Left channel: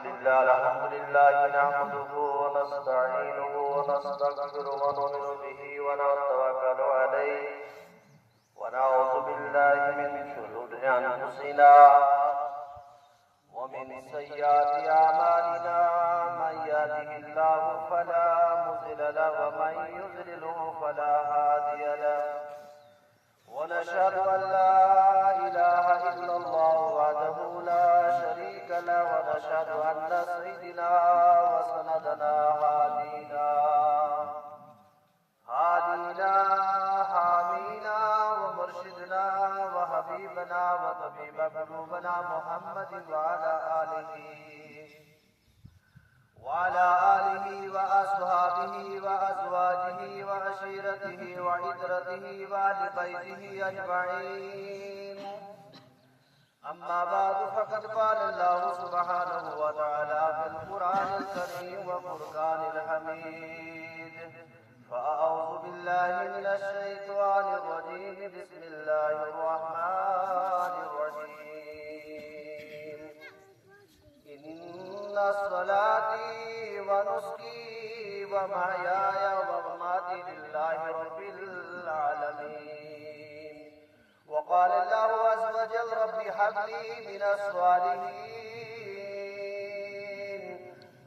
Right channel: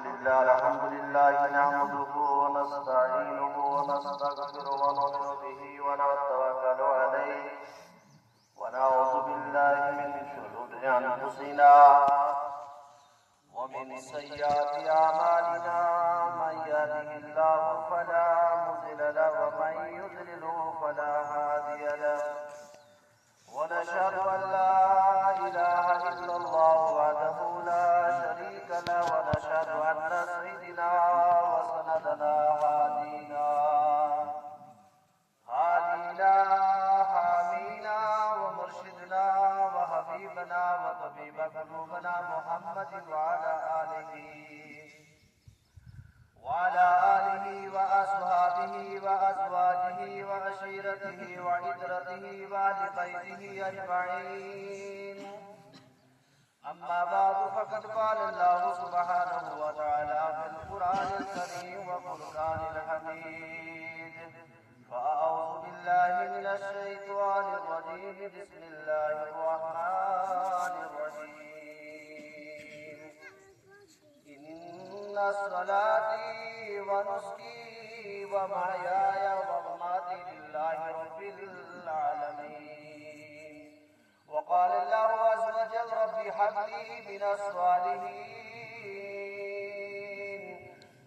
الحمد لله نحمده ونستعينه ونستغفره ونؤمن به ونتوكل عليه ونعوذ بالله من شرور أنفسنا ومن سيئات أعمالنا من يهده الله فلا مضل له ومن يضلله فلا هادي له ونشهد أن لا إله إلا الله وحده لا شريك له ونشهد أن سيدنا وسندنا هادينا حامينا ومرشدنا وحبيبنا وطبيب قلوبنا محمد وعلى آله وأصحابه وأزواجه وعشيرته وعترته وأهل بيته أجمعين. أما بعد فقد قال الله سبحانه وتعالى في القرآن الكريم وفرقان الحميد. فأعوذ بالله من الشيطان الرجيم. بسم الله الرحمن الرحيم. إن صلاتي ونسكي ومحياي ومماتي لله رب العالمين. وقال الله عز وجل رب هب لي من الصالحين.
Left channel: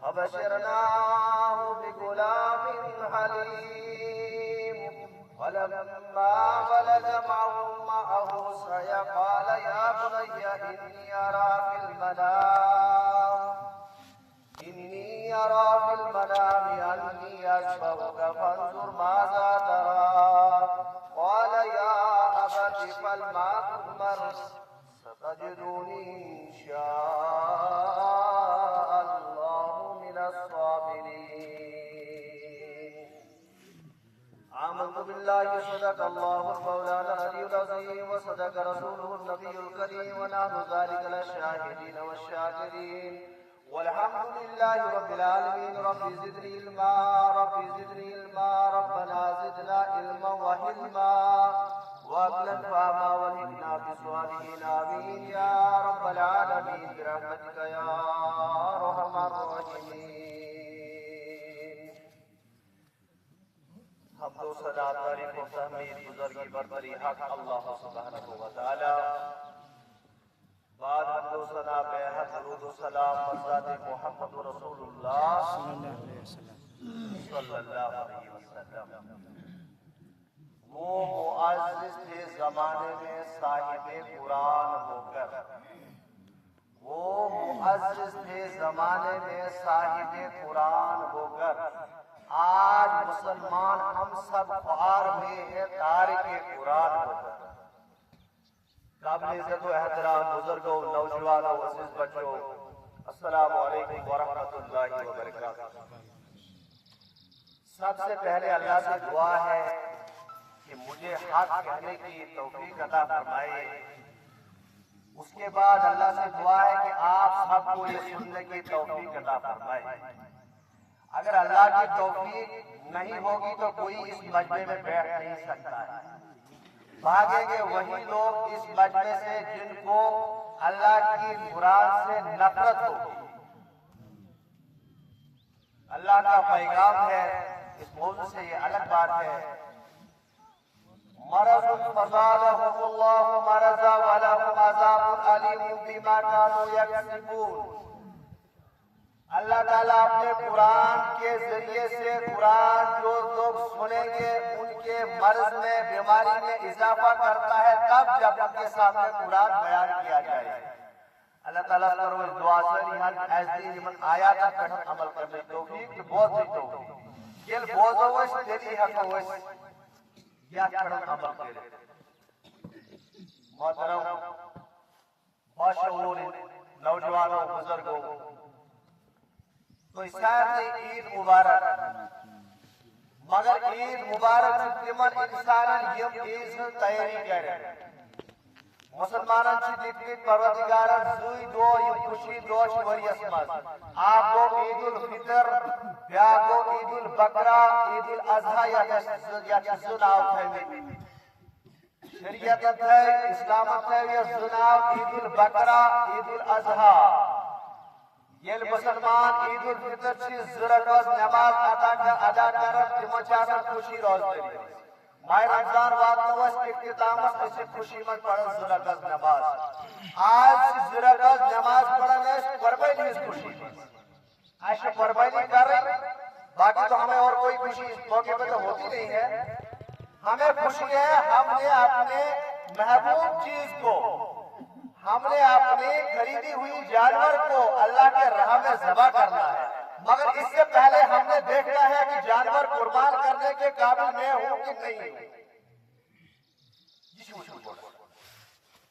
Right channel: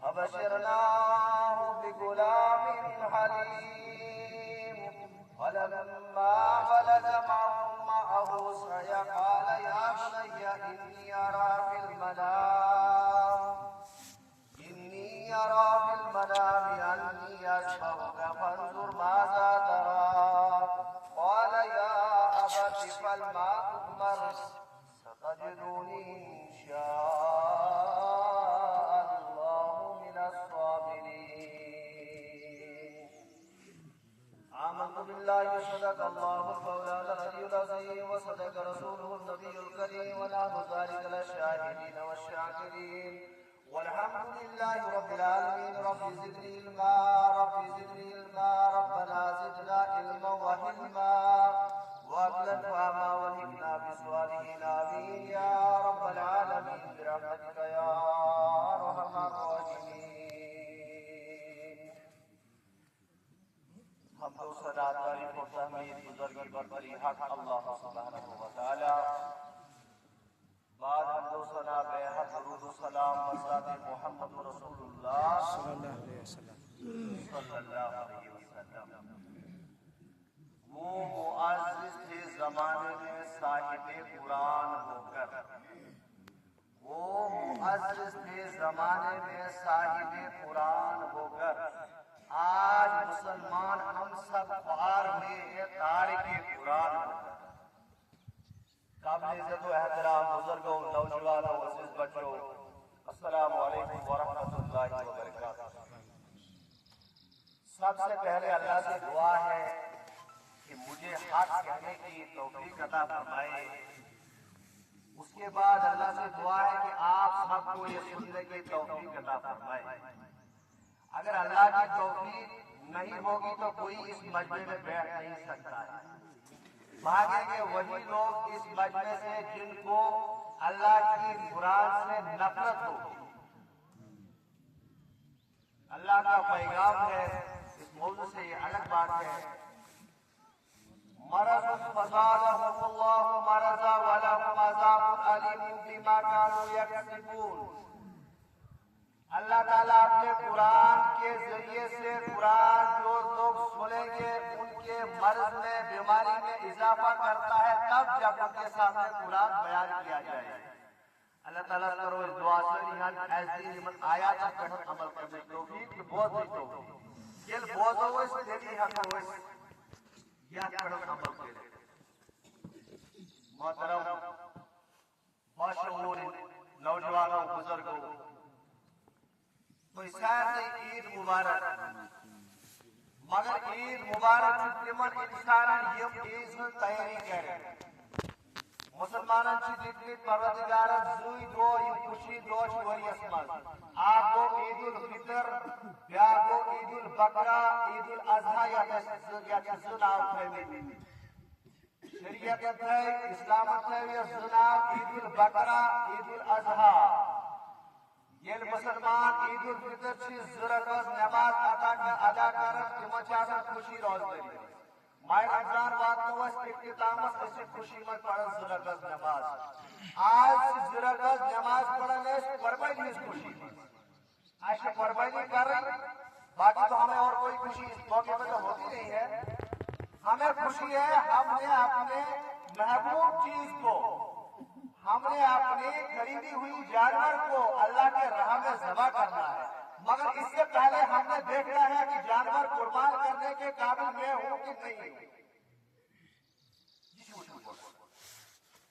فبشرناه بغلام حليم. فلما ولد معه سعي قال يا بني إني أرى في المنام أني أذبحك فانظر ماذا ترى. قال يا أبت افعل ما تؤمر ستجدني إن شاء الله من الصابرين. آمنت بالله وصدق الله مولانا العلي العظيم وصدق رسوله النبي الكريم ونحن ذلك للشاهدين والشاكرين. والحمد لله رب العالمين. رب زدني علما ربنا زدنا علما وحلما وأقلا فهما والهمنا بصالحين آمين يا رب العالمين برحمتك يا أرحم الراحمين. حمد و ثنا تعریف و تحمید بزرگی برتری حق اللہ سبحانہ و تعالی. بعد حمد و ثنا بے حد درود و سلام بذات محمد رسول اللہ صلی اللہ علیہ وسلم. وہ معزز تھے زمانے میں صاحب قرآن ہو کر، آج مسلمان ہم سب خوار ہوئے ہیں تارک قرآن ہو کر. قابل عزت و احترام بزرگوں، نوجوانوں، عزیز بچوں، السلام علیکم ورحمۃ اللہ وبرکاتہ. سب سے پہلے اللہ سے دعا ہے کہ مجھے حق کہنے کی توفیق عطا فرمائے. اس کے بعد اللہ سے دعا ہے کہ آپ سب کو یہ سننے کی توفیق عطا فرمائے. اگر اللہ کی توفیق نہیں ہوگی تو کوئی اس مجمع میں بیٹھ نہیں سکتا ہے. بھاگیں گے وہی لوگ اس مجمع سے جن کو اللہ کی مراد سے نفرت ہوگی. اللہ کا پیغام ہے، اس موضوع سے یہ الگ بات ہے. مرض فزادهم الله مرضا ولهم عذاب أليم بما كانوا يكسبون. اللہ تعالیٰ اپنے قرآن کے ذریعے سے قرآن جو لوگ سنیں گے ان کے مرض میں، بیماری میں اضافہ کرتا ہے تب جب ان کے سامنے قرآن بیان کیا جائے. اللہ تعالیٰ کرو اس دعا سے نحن ایسی من آیات پر عمل کرنے توفیق کی بہت سی توفیق کل بہت ہوئے دلی حق ہوئے یا کرو عمل کرے. محترم باشعور نوجوانوں، بزرگوں، تو سارے عید مبارک. مگر عید مبارک تمن انسانن یم عیز تیاری کرے. مسلمانن سے دیکھنے پروردگارن زوی دو یم خوشی دوش وریس مز. آپ کو عید الفطر، بیا کو عید البقرہ، عید الاضحیٰ یا زناو تھوی. شریعت ہے، اسلامت ہے، یہ زناو عید البقرہ، عید الاضحیٰ. یل مسلمان عید الفطر چھ زرکاز نماز ادا کرن تمن چھ آسان خوشی روزداری ماہ رمضان واتنوس اختتامس اس خوشی من پڑھن زرکاز نماز آج زرکاز نماز پڑھن اس قربانی اس خوشی ایسے قربانی کر رہے باقی تو ہمیں اور کوئی خوشی اس موقع پہ تو ہوتی نہیں ہے ہمیں خوشی ہے ہم نے اپنے محبوب چیز کو ہم نے اپنی خریدی ہوئی جانور کو اللہ کے راہ میں ذبح کرنا ہے مگر اس سے پہلے ہم نے دیکھنا ہے کہ جانور قربان کرنے کے قابل میں ہوں کہ نہیں ہوں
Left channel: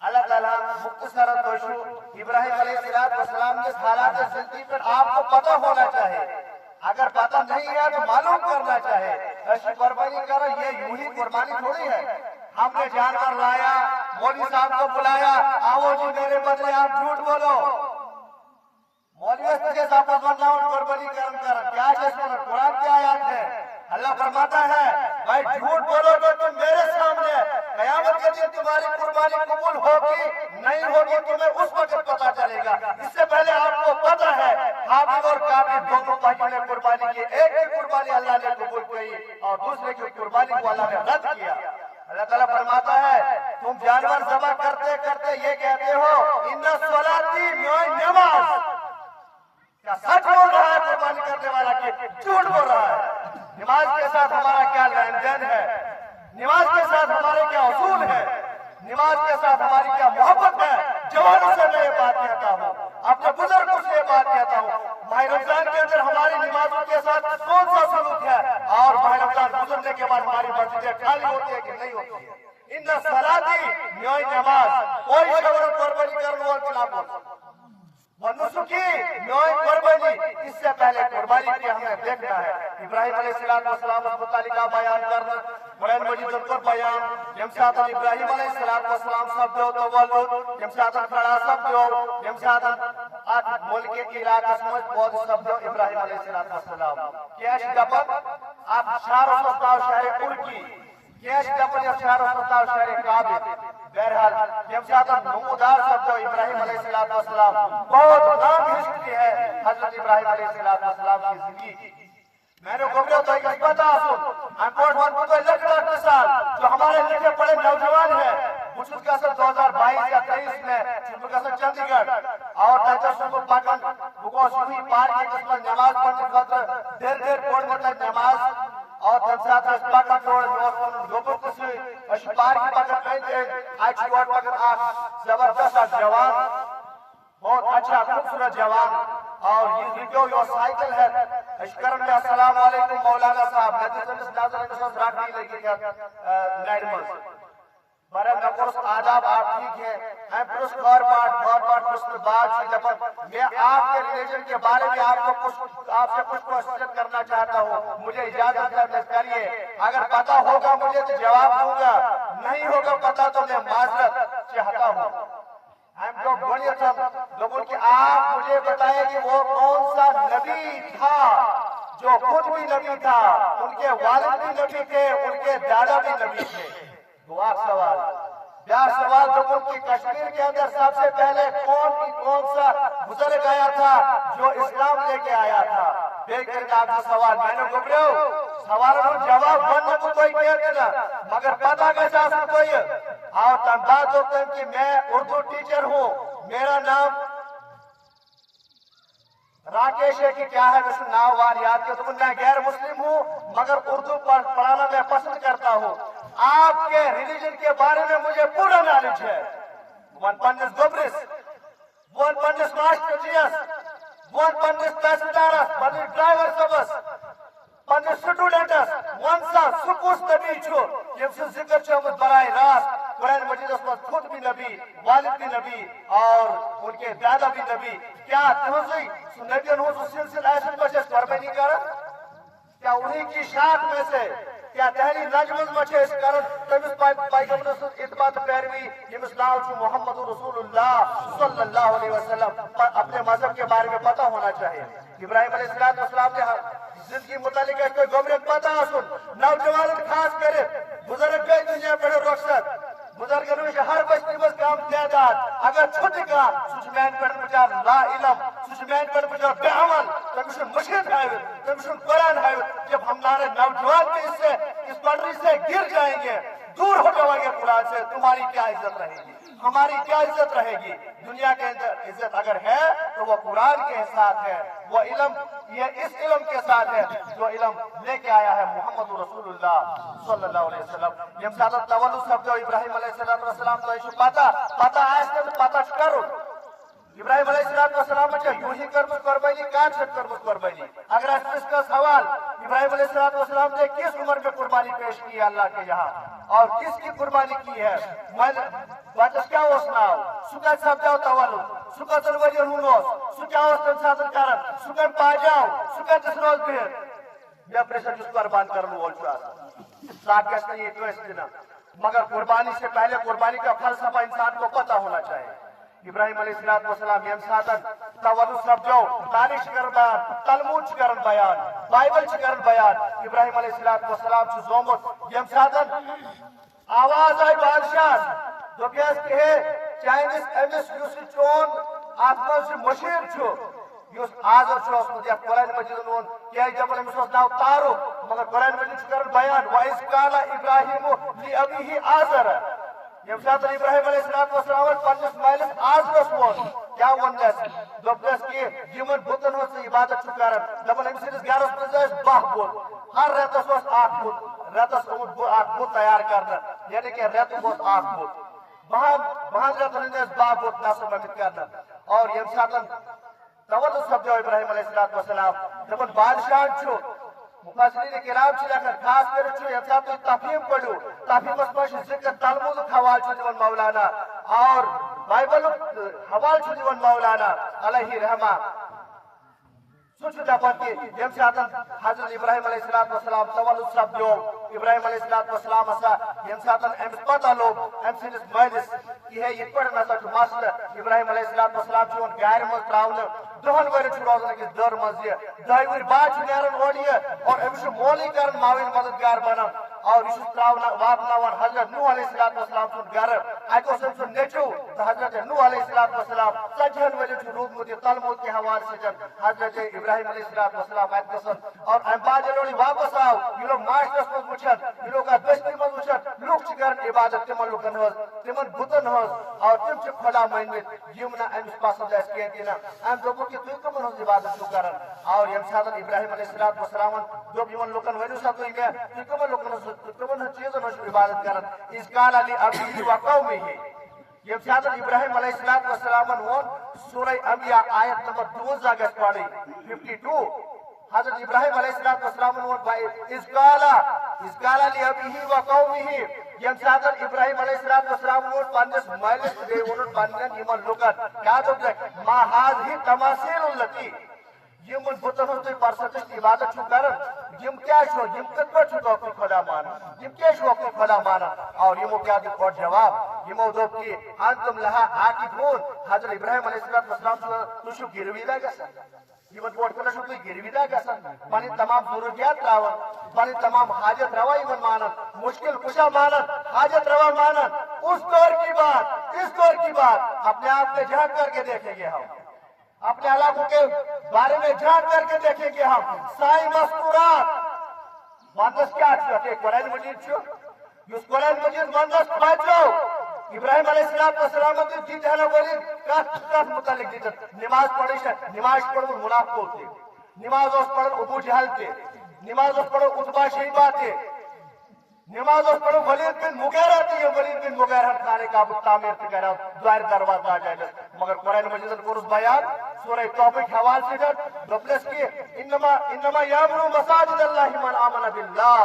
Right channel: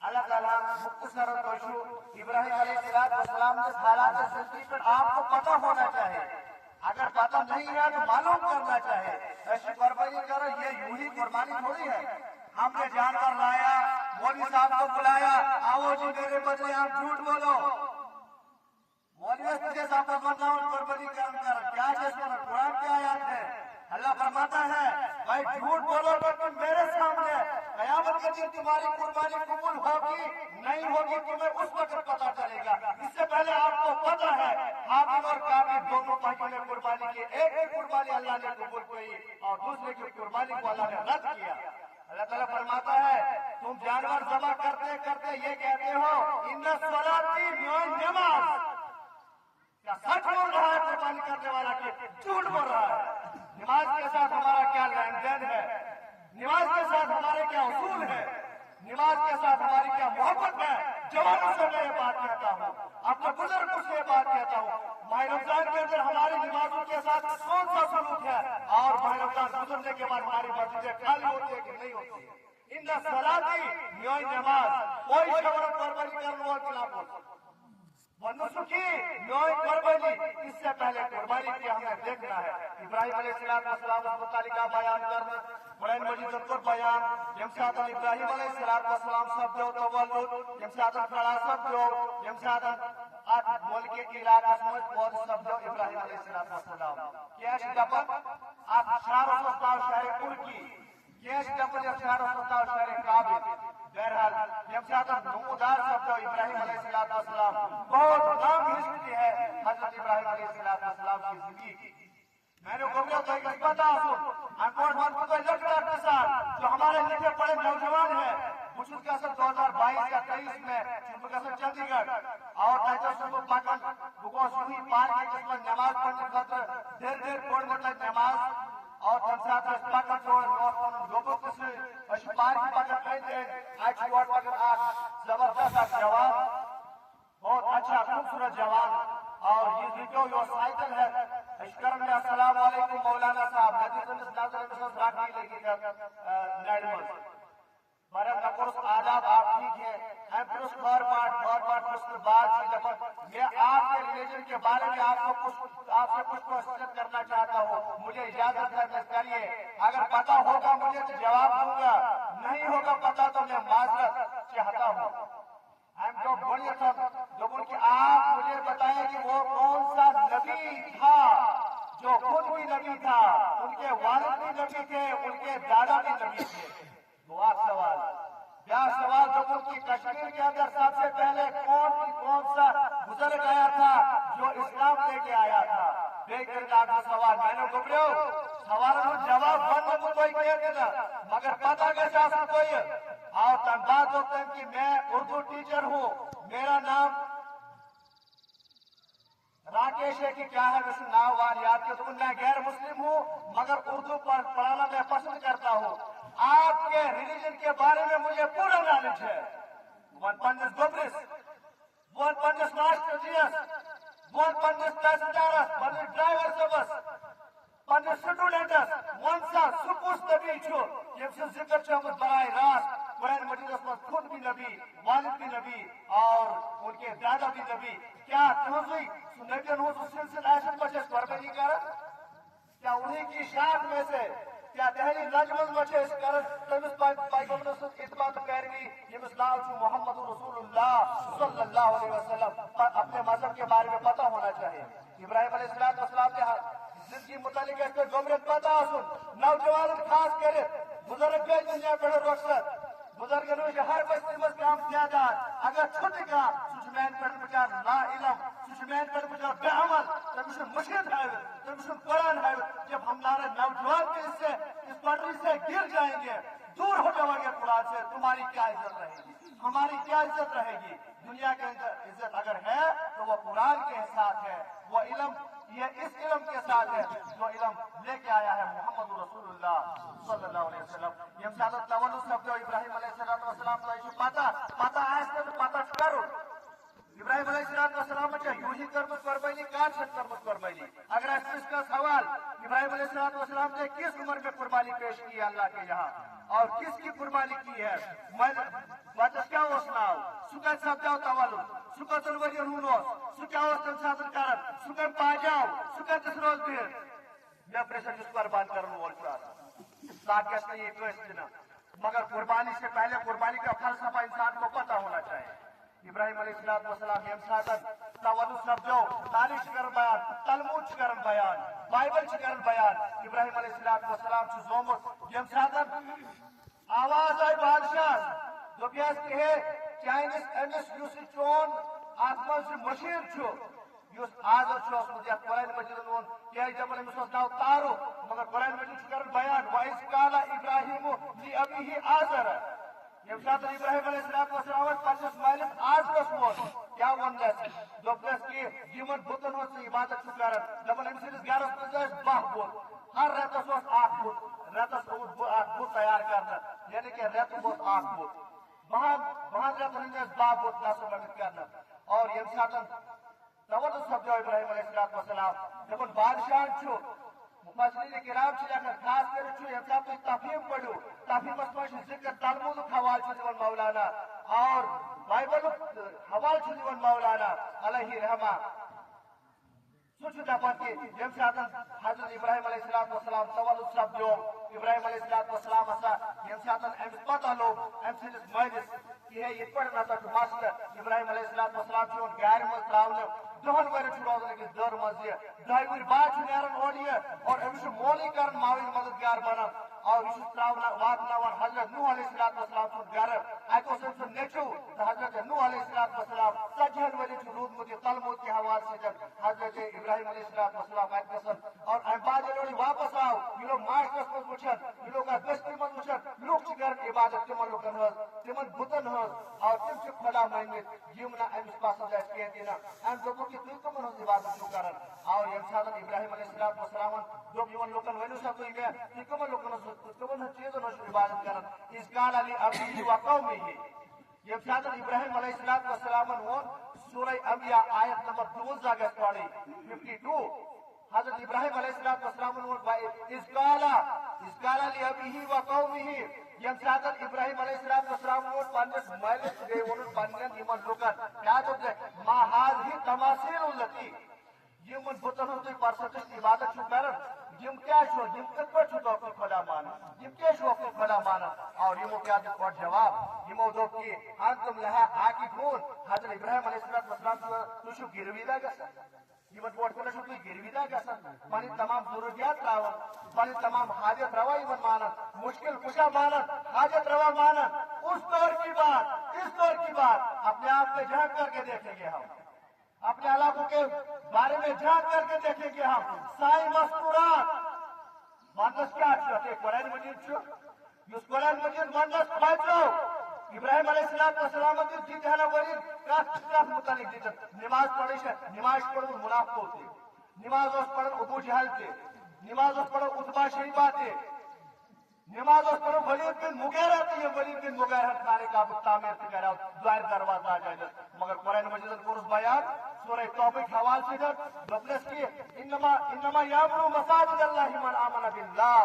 اللہ تعالیٰ مختصر توشو ابراہیم علیہ السلام کے حالات زندگی پر آپ کو پتہ ہونا چاہیے اگر پتہ نہیں ہے تو معلوم کرنا چاہے ایسی قربانی کرو یہ یوں ہی قربانی تھوڑی ہے ہم نے جانور لایا مولوی صاحب کو بلایا آؤ جی میرے بدلے آپ جھوٹ بولو مولوی کے ساتھ قربانی کرن کیا قرآن کی آیات ہے اللہ فرماتا ہے بھائی جھوٹ بولو گے تم میرے سامنے قیامت کے دن تمہاری قربانی قبول ہوگی نہیں ہوگی تمہیں اس وقت پتا چلے گا اس سے پہلے آپ کو پتا ہے حابیل اور قابیل دونوں بھائیوں نے قربانی کی ایک کی قربانی اللہ نے قبول کی اور دوسرے کی قربانی کو اللہ نے رد کیا اللہ تعالیٰ فرماتا ہے تم جانور ذبح کرتے کرتے یہ کہتے ہو ان صلاتی میری نماز کیا سچ بول رہا ہے قربانی کرنے والا کہ جھوٹ بول رہا ہے نماز کے ساتھ ہمارا کیا لین دین ہے نماز کے ساتھ ہمارے کیا اصول ہے نماز کے ساتھ ہماری کیا محبت ہے جوانوں سے میں یہ بات کہتا ہوں اپنے بزرگوں سے یہ بات کہتا ہوں ماہ رمضان کے اندر ہماری نمازوں کے ساتھ کون سا سلوک ہے اور ماہ رمضان گزرنے کے بعد ہماری مسجدیں خالی ہوتی ہے کہ نہیں ہوتی ہے ان صلاتی میری نماز کوئی شعور قربانی کرنے والے خلاف ہوتا ونسکی میری قربانی اس سے پہلے قربانی کی ہمیں دیکھنا ہے ابراہیم علیہ السلام اس متعلقہ بیان کرنا قرآن مجید پر بیان یم ساتن ابراہیم علیہ السلام سب دو تولد یم ساتن کھڑا سب دو یم ساتن ملک کی علاقہ سمجھ بہت سب دو ابراہیم علیہ السلام کیش گپن آپ شہر و سستاو شہر ترکی کیش گپن یا شہر و سستاو شہر قابل بہرحال یم ساتن نمودار سب دو ابراہیم علیہ السلام بہت نام ہسٹری ہے حضرت ابراہیم علیہ السلام کی زندگی میں نے گمرے تو ایک بتا سن انپورٹ ون کو لکھتا مثال جو ہمارے لکھے پڑے نوجوان ہیں مجھوط کا سن 2022 یا 23 میں چھپر کا سن چندی گڑھ اور درجہ صبح پاکن بکو سوئی پار کی قسمت نماز پڑھنے خطر دیر کوڑ مطلب نماز اور تنسات اس پاکن توڑ نوکن لوگوں کسی اشپار کی پاکن پہنچے آج چوار پاکن آپ زبردست جوان بہت اچھا خوبصورت جوان اور یہ ویڈیو یہ سائیکل ہے اشکرم میں السلام علیکم مولانا صاحب ندی سنس ناظر نشوز راٹی لگی کیا نیڈمز برای نقرس آداب آپ ٹھیک ہے میں پرس گور پاٹ پرس بات سی جب میں آپ کے ریلیجن کے بارے میں آپ سے کچھ کوشش کرنا چاہتا ہوں مجھے اجازت کریے اگر پتا ہوگا مجھے تو جواب دوں گا نہیں ہوگا پتا تو میں معذرت چاہتا ہوں ہم تو بڑی اچھا لوگوں کہ آپ مجھے بتائیں کہ وہ کون سا نبی تھا جو خود بھی نبی تھا ان کے والد بھی نبی تھے ان کے دادا بھی نبی تھے دعا سوال بیار سوال جو کی کشمیر کے اندر سب سے پہلے کون سا بزرگ آیا تھا جو اسلام لے کے آیا تھا دیکھیں آپ کا سوال میں نے گھبرے ہو سوال کو جواب بننے کو کوئی کہہ دینا مگر پتا کیسا سا کوئی اور تنبات ہوتا ہے کہ میں اردو ٹیچر ہوں میرا نام راکیش ہے کہ کیا ہے مثل نام واریات کے تو میں غیر مسلم ہوں مگر اردو پڑھانا میں پسند کرتا ہوں آپ کے ریلیجن کے بارے میں مجھے پورا نالج ہے ون پنڈس گوبرس ون پنڈس ماسٹر جیس ون پنڈس تحصیلدارس پنڈس ڈرائیور صبس پنڈس سٹوڈنٹس ون سا سکوس نبی چھو یم سے ذکر چھو ہمیں برائی راست قرآن مجید اس میں خود بھی نبی والد بھی نبی اور ان کے دادا بھی نبی کیا تنظی نبی انہوں سلسل ایسے بچے قربانی کر کیا انہی کی شاخ میں سے کیا تحریر نجمز مچے اس کرن تمس پیغمبر سے اتباع پیروی جمس نام چھو محمد رسول اللہ صلی اللہ علیہ وسلم اپنے مذہب کے بارے میں پتہ ہونا چاہیے ابراہیم علیہ السلام نے زندگی متعلق کوئی گمرک پتہ سن نوجوان خاص کرے بزرگ گئے دنیا پڑھے رخصت بزرگن میں ہر بستی میں کام تعداد اگر چھٹ کا سچمین پر بچار لا علم سچمین پر بچار بے عمل تمشن مشکل ہے تمشن قرآن ہے جب ہمارے نوجوان بھی اس پٹری سے گر جائیں گے دور ہو جائیں گے قرآن سے تمہاری کیا عزت رہے گی ہماری کیا عزت رہے گی دنیا کے اندر عزت اگر ہے تو وہ قرآن کے ساتھ ہے وہ علم یہ اس علم کے ساتھ ہے جو علم لے کے آیا ہے محمد رسول اللہ صلی اللہ علیہ وسلم یم ساتھ تولد سب جو ابراہیم علیہ السلام تو ایشو پاتا آج تک پاتا کرو ابراہیم علیہ السلام یوں ہی کرمت قربانی کان چھٹ کرمت قربانی اگر اس کا سوال ابراہیم علیہ السلام نے کس عمر میں قربانی پیش کی ہے اللہ کے یہاں اور کس کی قربانی کی ہے بچس کیا ناو سکت سپدو تولد سکت ورین ہونوس سہ کیا تم سات کران سکت پاجاو سکت روز بہت یا پریشر جس قربان کرنے وول صاحب گھس یہ دن مگر قربانی سے پہلے قربانی کا فلسفہ انسان کو پتہ ہونا چاہیے ابراہیم علیہ السلام یم سات تولد سپدو تاریخ کر بیان تلمود کر بیان بائبل کر بیان ابراہیم علیہ السلام زومت یم سات آواز آئی بادشاہ دپیس کہ چانس امس اس چون ات مز مشیر اس آزر قرآن مجید وون کیا دپان امس ناو تارو مگر قرآن مجید کر بیان وَإِذْ قَالَ إِبْرَاهِيمُ لِأَبِيهِ آزَرَ یم سات ابراہیم علیہ السلام پنس مالس آزرس وون کیا ونس دپس کہ یمن بتن عبادت کر دپان ام سندس گرس مز 10 بت ہر رتس اخ بت رتس اخ بت تیار کرنا یعنی کہ رت اخ بت بہن رتن 10 بت نصب کرنا اور یم سات تولد سپدو ابراہیم علیہ السلام دپان بادشاہ مفسرین کرام لکھان خاص کر یم سات تفہیم پڑھو تفہیمس مز ذکر تلمود حوال دان مولانا اور بائبل حوال دان مولانا علیہ رحمہ سہ دپان کہ یم سات حضرت ابراہیم علیہ السلام تولد سپدو ابراہیم علیہ السلام ہسا یم سات امس پتہ لوگ ام سندس مالس کہ یہ پہ نسا مسئلہ ابراہیم علیہ السلام گھر مز تراؤن 10 ورن روزان أکس در مز یہ 2 ور بعد نیران اور یہ اور امس مولی کر معاون مددگار بنان اور یہ تراؤن واتناوان حضرت نوح علیہ السلام سن گھر ات سن نیچو حضرت نوح علیہ السلام 40 ورن روزمت یہ تلمود کے حوالے سے حضرت ابراہیم علیہ السلام ات گسن اور ام بعد یہ واپس آو یہ لوگ معاشرس مز وچھن یہ لوگ بستی مز وچھن لوگ کر عبادت تمن لوکن ہز تمن بتن ہز اور تم خدا مانمت یم نا امس پسند اس کہین ام دوپو کہ تم کمن ہز عبادت کران اور یم سات ابراہیم علیہ السلام دوپ یمن لوکن ونیو سا تم کمن لوکن تمن چیزن ہز عبادت کران اس قال علی ابی و قومه یم سات ابراہیم علیہ السلام وون سورہ انبیاء آیت نمبر 12 گس پڑھی 52 حضرت ابراہیم علیہ السلام اس قال لی ابیہ و قومه یم سات ابراہیم علیہ السلام پنس مالس ون پنن یمن لوکن کیا دپ ما هذه تماثیل التی یم بتن ہز تھی پرستش عبادت کران یم کیا یم کت پہ خدا مان یم کیا خدا مان اور یمو کیا دپ جواب یمو دپ کہ انتم لها عاکفون حضرت ابراہیم علیہ السلام تشو گرویدہ گسان یہ بوٹ کر تھی گرویدہ گسان پن تمام ضروریات تراون پن تمام حاجت روا مانن مشکل کشا مانن حاجت روا مانن اس دور کی بات اس دور کی بات اپنے آپ میں جھانک کر کے دیکھیں گے ہم اپنے علاقوں کے بارے میں جھانک کر کے دیکھیں گے ہم سائی مذکورات مندس کیا قرآن مجید اس قرآن مجید مندس بچو ابراہیم علیہ السلام دیتے ہیں ورین کت متعلق دیتے نماز پڑھی نماز پڑھ منافق ہوتے نماز پڑھ ابو جہل تھے نماز پڑھو اتبا شیبہ تھے نماز پڑھو ولید بن مغیرہ تھی ولید بن مغیرہ خانے کا تعمیر تھی کہہ رہا دوائر دروازہ آ جائے مگر قرآن مجید قرص بیان سورہ توبہ کے حوالے سے دپلس کی انما یامرو مساجد اللہ من آمن باللہ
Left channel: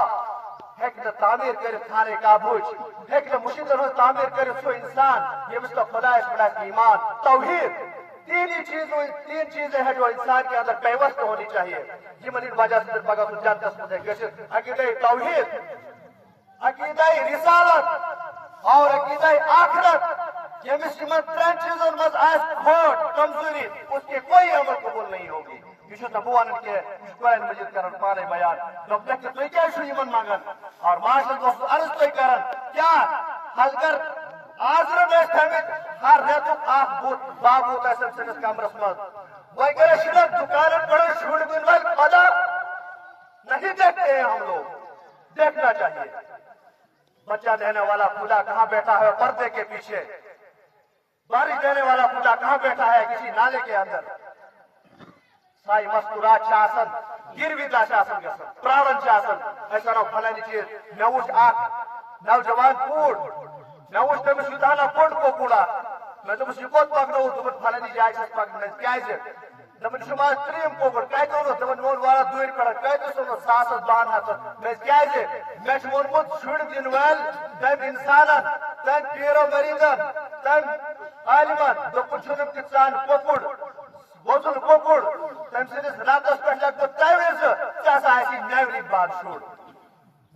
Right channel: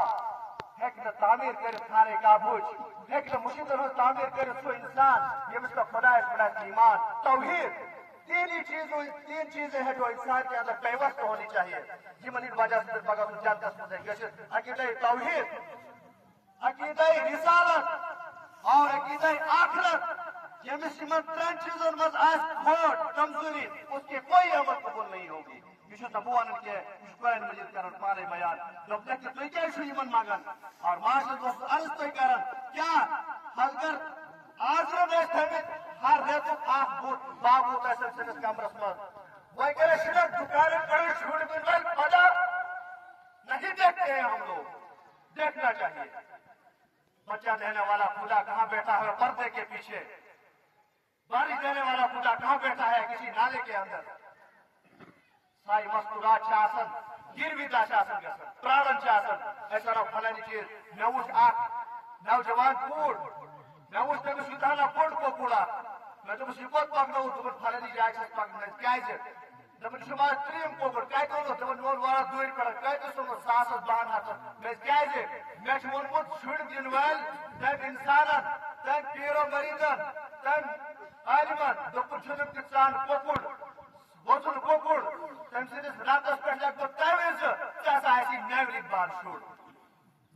ہے کہ تعمیر کرے خانے کا بوجھ ہے کہ مشید تعمیر کرے سو انسان یہ مثل خدا اس بڑا ایمان توحید تین چیزیں ہیں جو انسان کے اندر پیوست ہونی چاہیے یہ من وجہ سے بگا تو جانتا سمجھے عقیدہ توحید عقیدہ رسالت اور عقیدہ آخرت یمس یمن ترین چیزن مز آس کھوٹ کمزوری اس کے کوئی عمل قبول نہیں ہوگی یہ بوان کے قرآن مجید کرن پانے بیان تھی کیا یمن مانگن اور معاشرت دوست عرض تھی کرن کیا حضرت آزرم اس تھمت ہر ریتک اخ بوت بابوت آسن سنس کمرس مز وغیرہ شدت دکانن پر چھوڑ دن ول پتہ نہیں دیکھتے ہیں ہم لوگ دیکھنا چاہیے بچہ دینے والا خدا کہاں بیٹھا ہے پردے کے پیچھے بارش دینے والا خدا کہاں بیٹھا ہے کسی نالے کے اندر سائی مستورات آسن گروی آسن گھن پرارن ایسا نو فلانی چیز مے وچ اخ نوجوان کوڑ مے وچ تمس یوتانا بوڑ کوکوڑا مے دوپس یہ کوت پکنو دوپن فلانی جائے چھس پکنو کیازِ دپن شما تریم کوکڑ کتہ اونو دپن مون والا دوٗرِ پٮ۪ٹھ کتہِ اوٚنُتھ ساسس بہن ہتن مے کیازِ مے چھُ ووٚنمُت شُرۍ دِنہٕ وٲلۍ تٔمۍ اِنسانن تٔمۍ پیٖرو مریٖدن تٔمۍ عالمن دوٚپُن چھُنہٕ تہِ ژان کوکُر ووٚژُن کوکُر تٔمۍ سٕنٛدِس راتس پٮ۪ٹھ لیکھِ بہٕ تمہِ وِزِ ژےٚ ہسا آسی نیورٕکۍ بعد شُر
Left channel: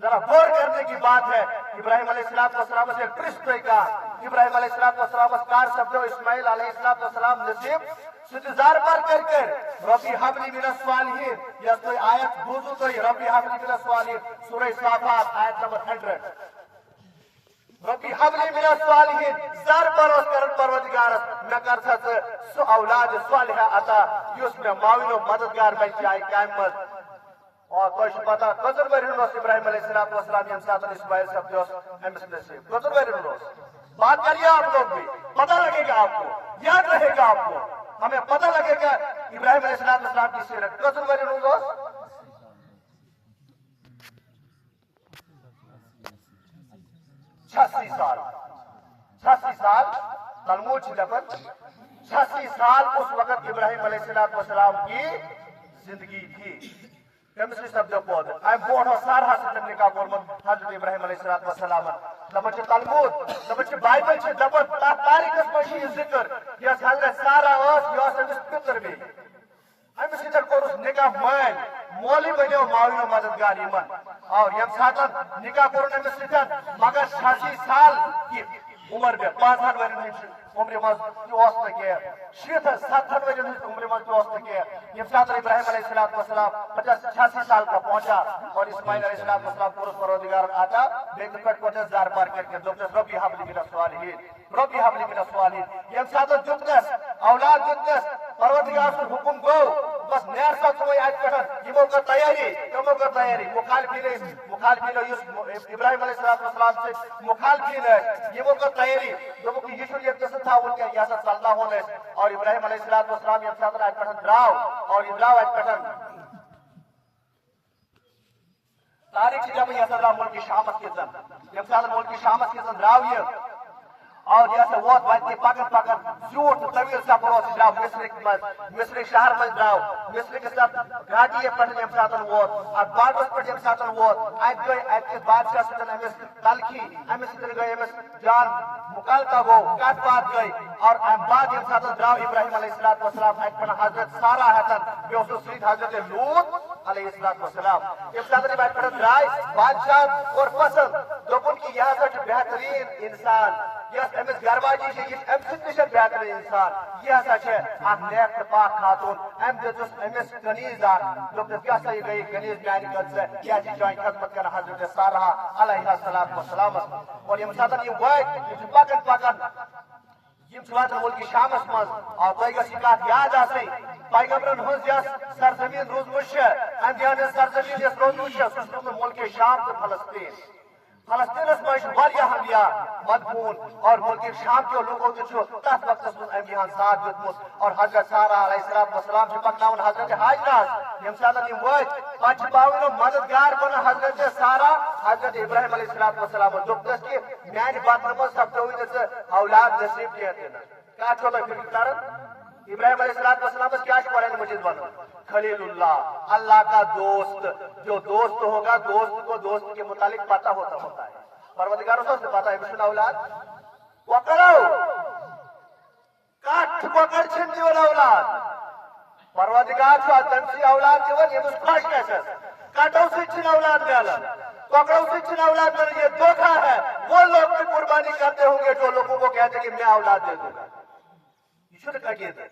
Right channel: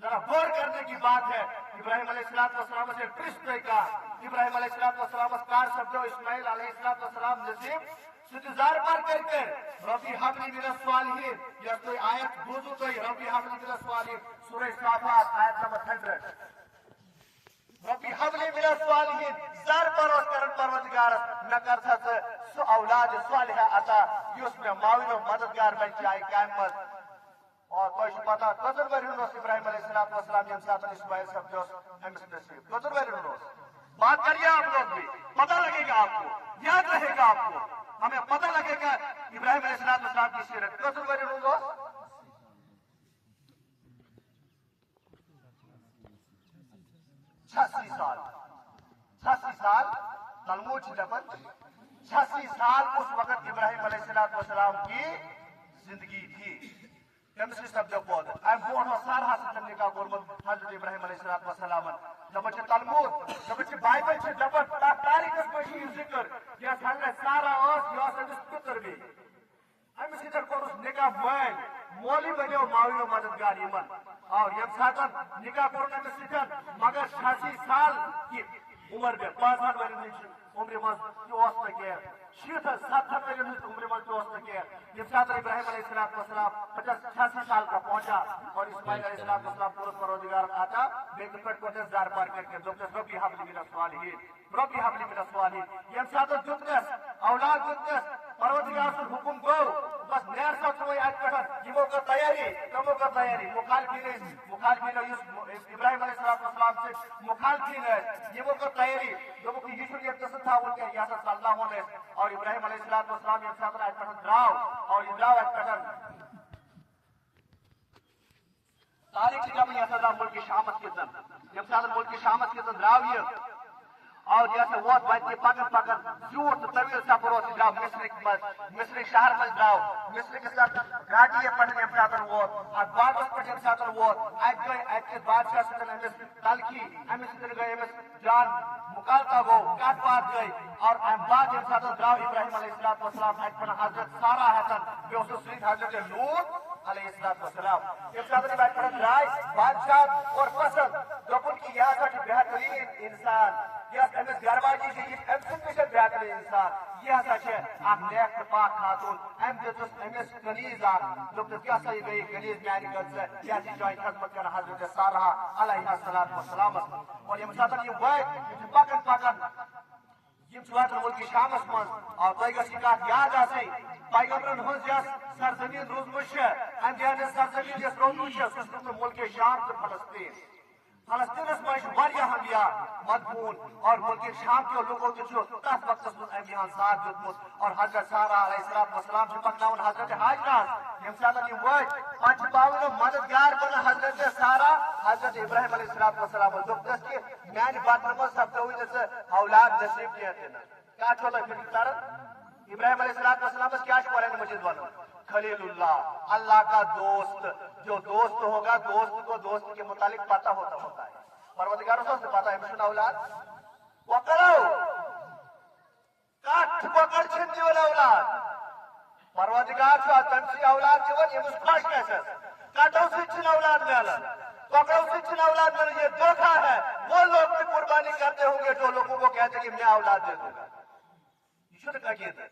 ذرا غور کرنے کی بات ہے ابراہیم علیہ السلام سے پرس پہ کہا ابراہیم علیہ السلام کار سبدو اسماعیل علیہ السلام نصیب ستزار پر کر ربی حبلی من الصالحین یا کوئی آیت بوزو تو ربی حبلی من الصالحین سورہ صافات آیت نمبر 100 ربی حبلی من الصالحین زار پروس کرن پروردگارس میں کر سو اولاد صالحہ عطا یس میں معاون و مددگار بن جائے قائم مز اور تو پتہ کتر ورین ابراہیم علیہ السلام یم ساتھ اسماعیل سبدو امس نصیب کتر ورین بات کریے آپ لوگ بھی پتہ لگے گا آپ کو یاد رہے گا آپ کو ہمیں پتہ لگے گا ابراہیم علیہ السلام کی سیرت کتر ورین 86 سال تلمود لفظ 86 سال اس وقت ابراہیم علیہ السلام کی زندگی تھی تمس سپدو پود ام بوڑھو سارا سن نکاح کورمت حضرت ابراہیم علیہ السلام دپان تلمود دپان بائبل دپان تاریخس مجھ ذکر یس حضرت سارا یس امس پتر بھی امس سر کورس نکاح مال مولی بنو معاون و مددگار یمن اور یم سات نکاح کورن امس سن مگر 86 سال کی عمر میں 5 ورن عمر مز کی 70 ورن عمر مز کی یم سات ابراہیم علیہ السلام 86 سال کا پہنچا اور اسماعیل علیہ السلام پورس پروردگار آتا بیت کٹ کو زار پار کر کے ربی حبلی من الصالحین ربی حبلی من الصالحین یم سات جتنس اولاد جتنس پروردگار سے حکم گو بس نیر سا کوئی آج پٹھن یمو کا تیاری تمو کا تیاری مخالفین ابراہیم علیہ السلام سے مخالفین ہے یمو کا تیاری جو کہ یشو یہ قصہ تھا ان کے یاسا صلی اللہ علیہ اور ابراہیم علیہ السلام یم سات آج پٹھن دراو اور ابراہیم آج پٹھن تاریخ جب یاسا ملک شامت کے زن یم سات ملک شامت کے زن دراو یہ اور جیسے ووت بچے پکن زیوٹ طویل سفر دراو مصرک شہر مز دراو مصرک ساتھ گھاٹی پٹھ یم سات ووت اور باغس پہ یم سات ووت ات گئی ات بادشاہ سن امس تلخی امس سن گئی امس جان مکالکہ گو کٹ بات گئی اور ام بعد یم سات دراو ابراہیم علیہ السلام ات پہ حضرت سارا ہتن بیس سید حضرت لوط علیہ السلام یم سات ات پہ درائے بادشاہ اور پسند دوپن کی یہ بہترین انسان یس امس گرواجی ام سہ بہترین انسان یہ ہسا نیک پاک خاتون ام دس امس کنیز دس کیا سا یہ گئی کنیز میانی قدر کیا چان خدمت کر حضرت سارہ علیہ السلام اور یم سات یہ وائٹ پکن یم واتن ملک شامس مز اور تہ گھ کت یاد آئی پیغمبرن ہز یس سرزمین روزمت ام سرزمین یس روزمت سہ ملک شام تو فلسطین فلسطینس مجھ ہمیا مدفون اور ملک شام کے لوگوں نے تس وقت امتحان ساتھ دیتمت اور حضرت سارہ علیہ السلام سے پکناون حضرت حاجرات یم سات وت پہ پاؤن مددگار بن حضرت سارہ حضرت ابراہیم علیہ السلام دس کہ میانہ بطن مز سپدو اولاد نصیب کیا کیا چھو تھی فکر کر ابراہیم علیہ السلام کیا قرآن مجید بنو خلیل اللہ کا دوست جو دوست ہوگا دوست کو دوست کے متعلق پتہ ہوتا ہے پروردگار سے پتہ ہے مشن اولاد پکڑو کٹ پکڑ چھن دیون اولاد پروردگار سے تم سے اولاد دیون یہ خوش کیسے کٹو سے چھن اولاد ملن پکڑو سے چھن اولاد ملن یہ دھوکہ ہے وہ لوگ بھی قربانی کرتے ہوں گے جو لوگوں کو کہتے ہیں کہ میں اولاد دے دوں گا یہ شرک عقید ہے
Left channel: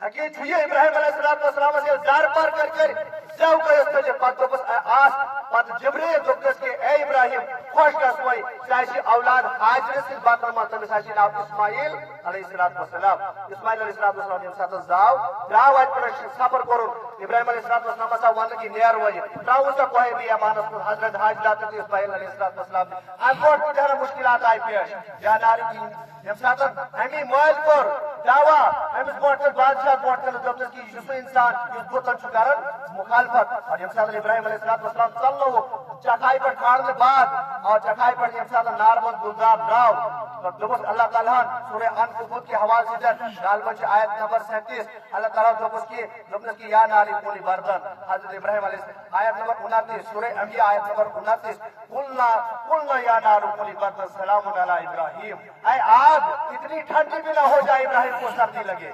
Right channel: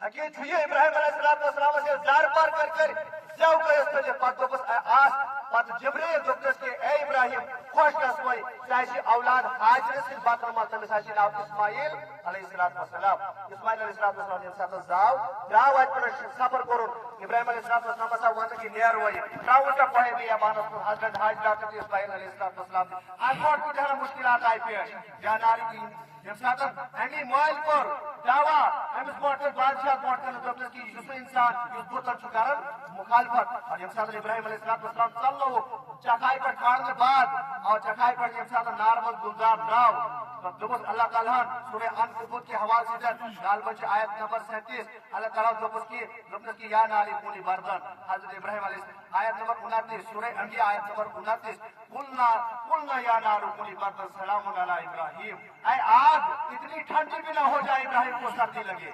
ابراہیم علیہ السلام سے زار پار کر کے جاؤ گئے پتہ بس آس پتہ جبریل دوپس کہ اے ابراہیم خوش گس وے چاہے اولاد حاجر سے بات ما تمس آسی ناو اسماعیل علیہ السلام اسماعیل علیہ السلام یم ساتھ دراو ات پر سفر کرو ابراہیم علیہ السلام سا ون کی نیر وے دراو تا کوئی بھی امانت حضرت حاجرہ تے اسماعیل علیہ السلام ان کو ڈھیر مشکلات آئی پیش یا ناری کی یم ساتھ امی موائل پر دعوا امس برٹ بادشاہ برٹ دوپس کی یس انسان یس بوتن چھ کرن مخالفت اور یم ساتھ ابراہیم علیہ السلام چلو چکائی پر کھاڑنے بعد اور چکائی پر یم ساتھ نارمل گلزار دراو تو دوپس اللہ تعالیٰ سورہ عنکبوت کے حوالے سے غالباً آیت نمبر 37 اللہ تعالیٰ دوپس کی یا ناری کونی بردن حضرت ابراہیم علیہ السلام آیت نمبر 29 سورہ انبیاء آیت نمبر 29 قلنا یا نار کونی بردن سلام علی ابراہیم اے آگ اتنی ٹھنڈی بھی نہ ہو جائے ابراہیم کو سردی لگے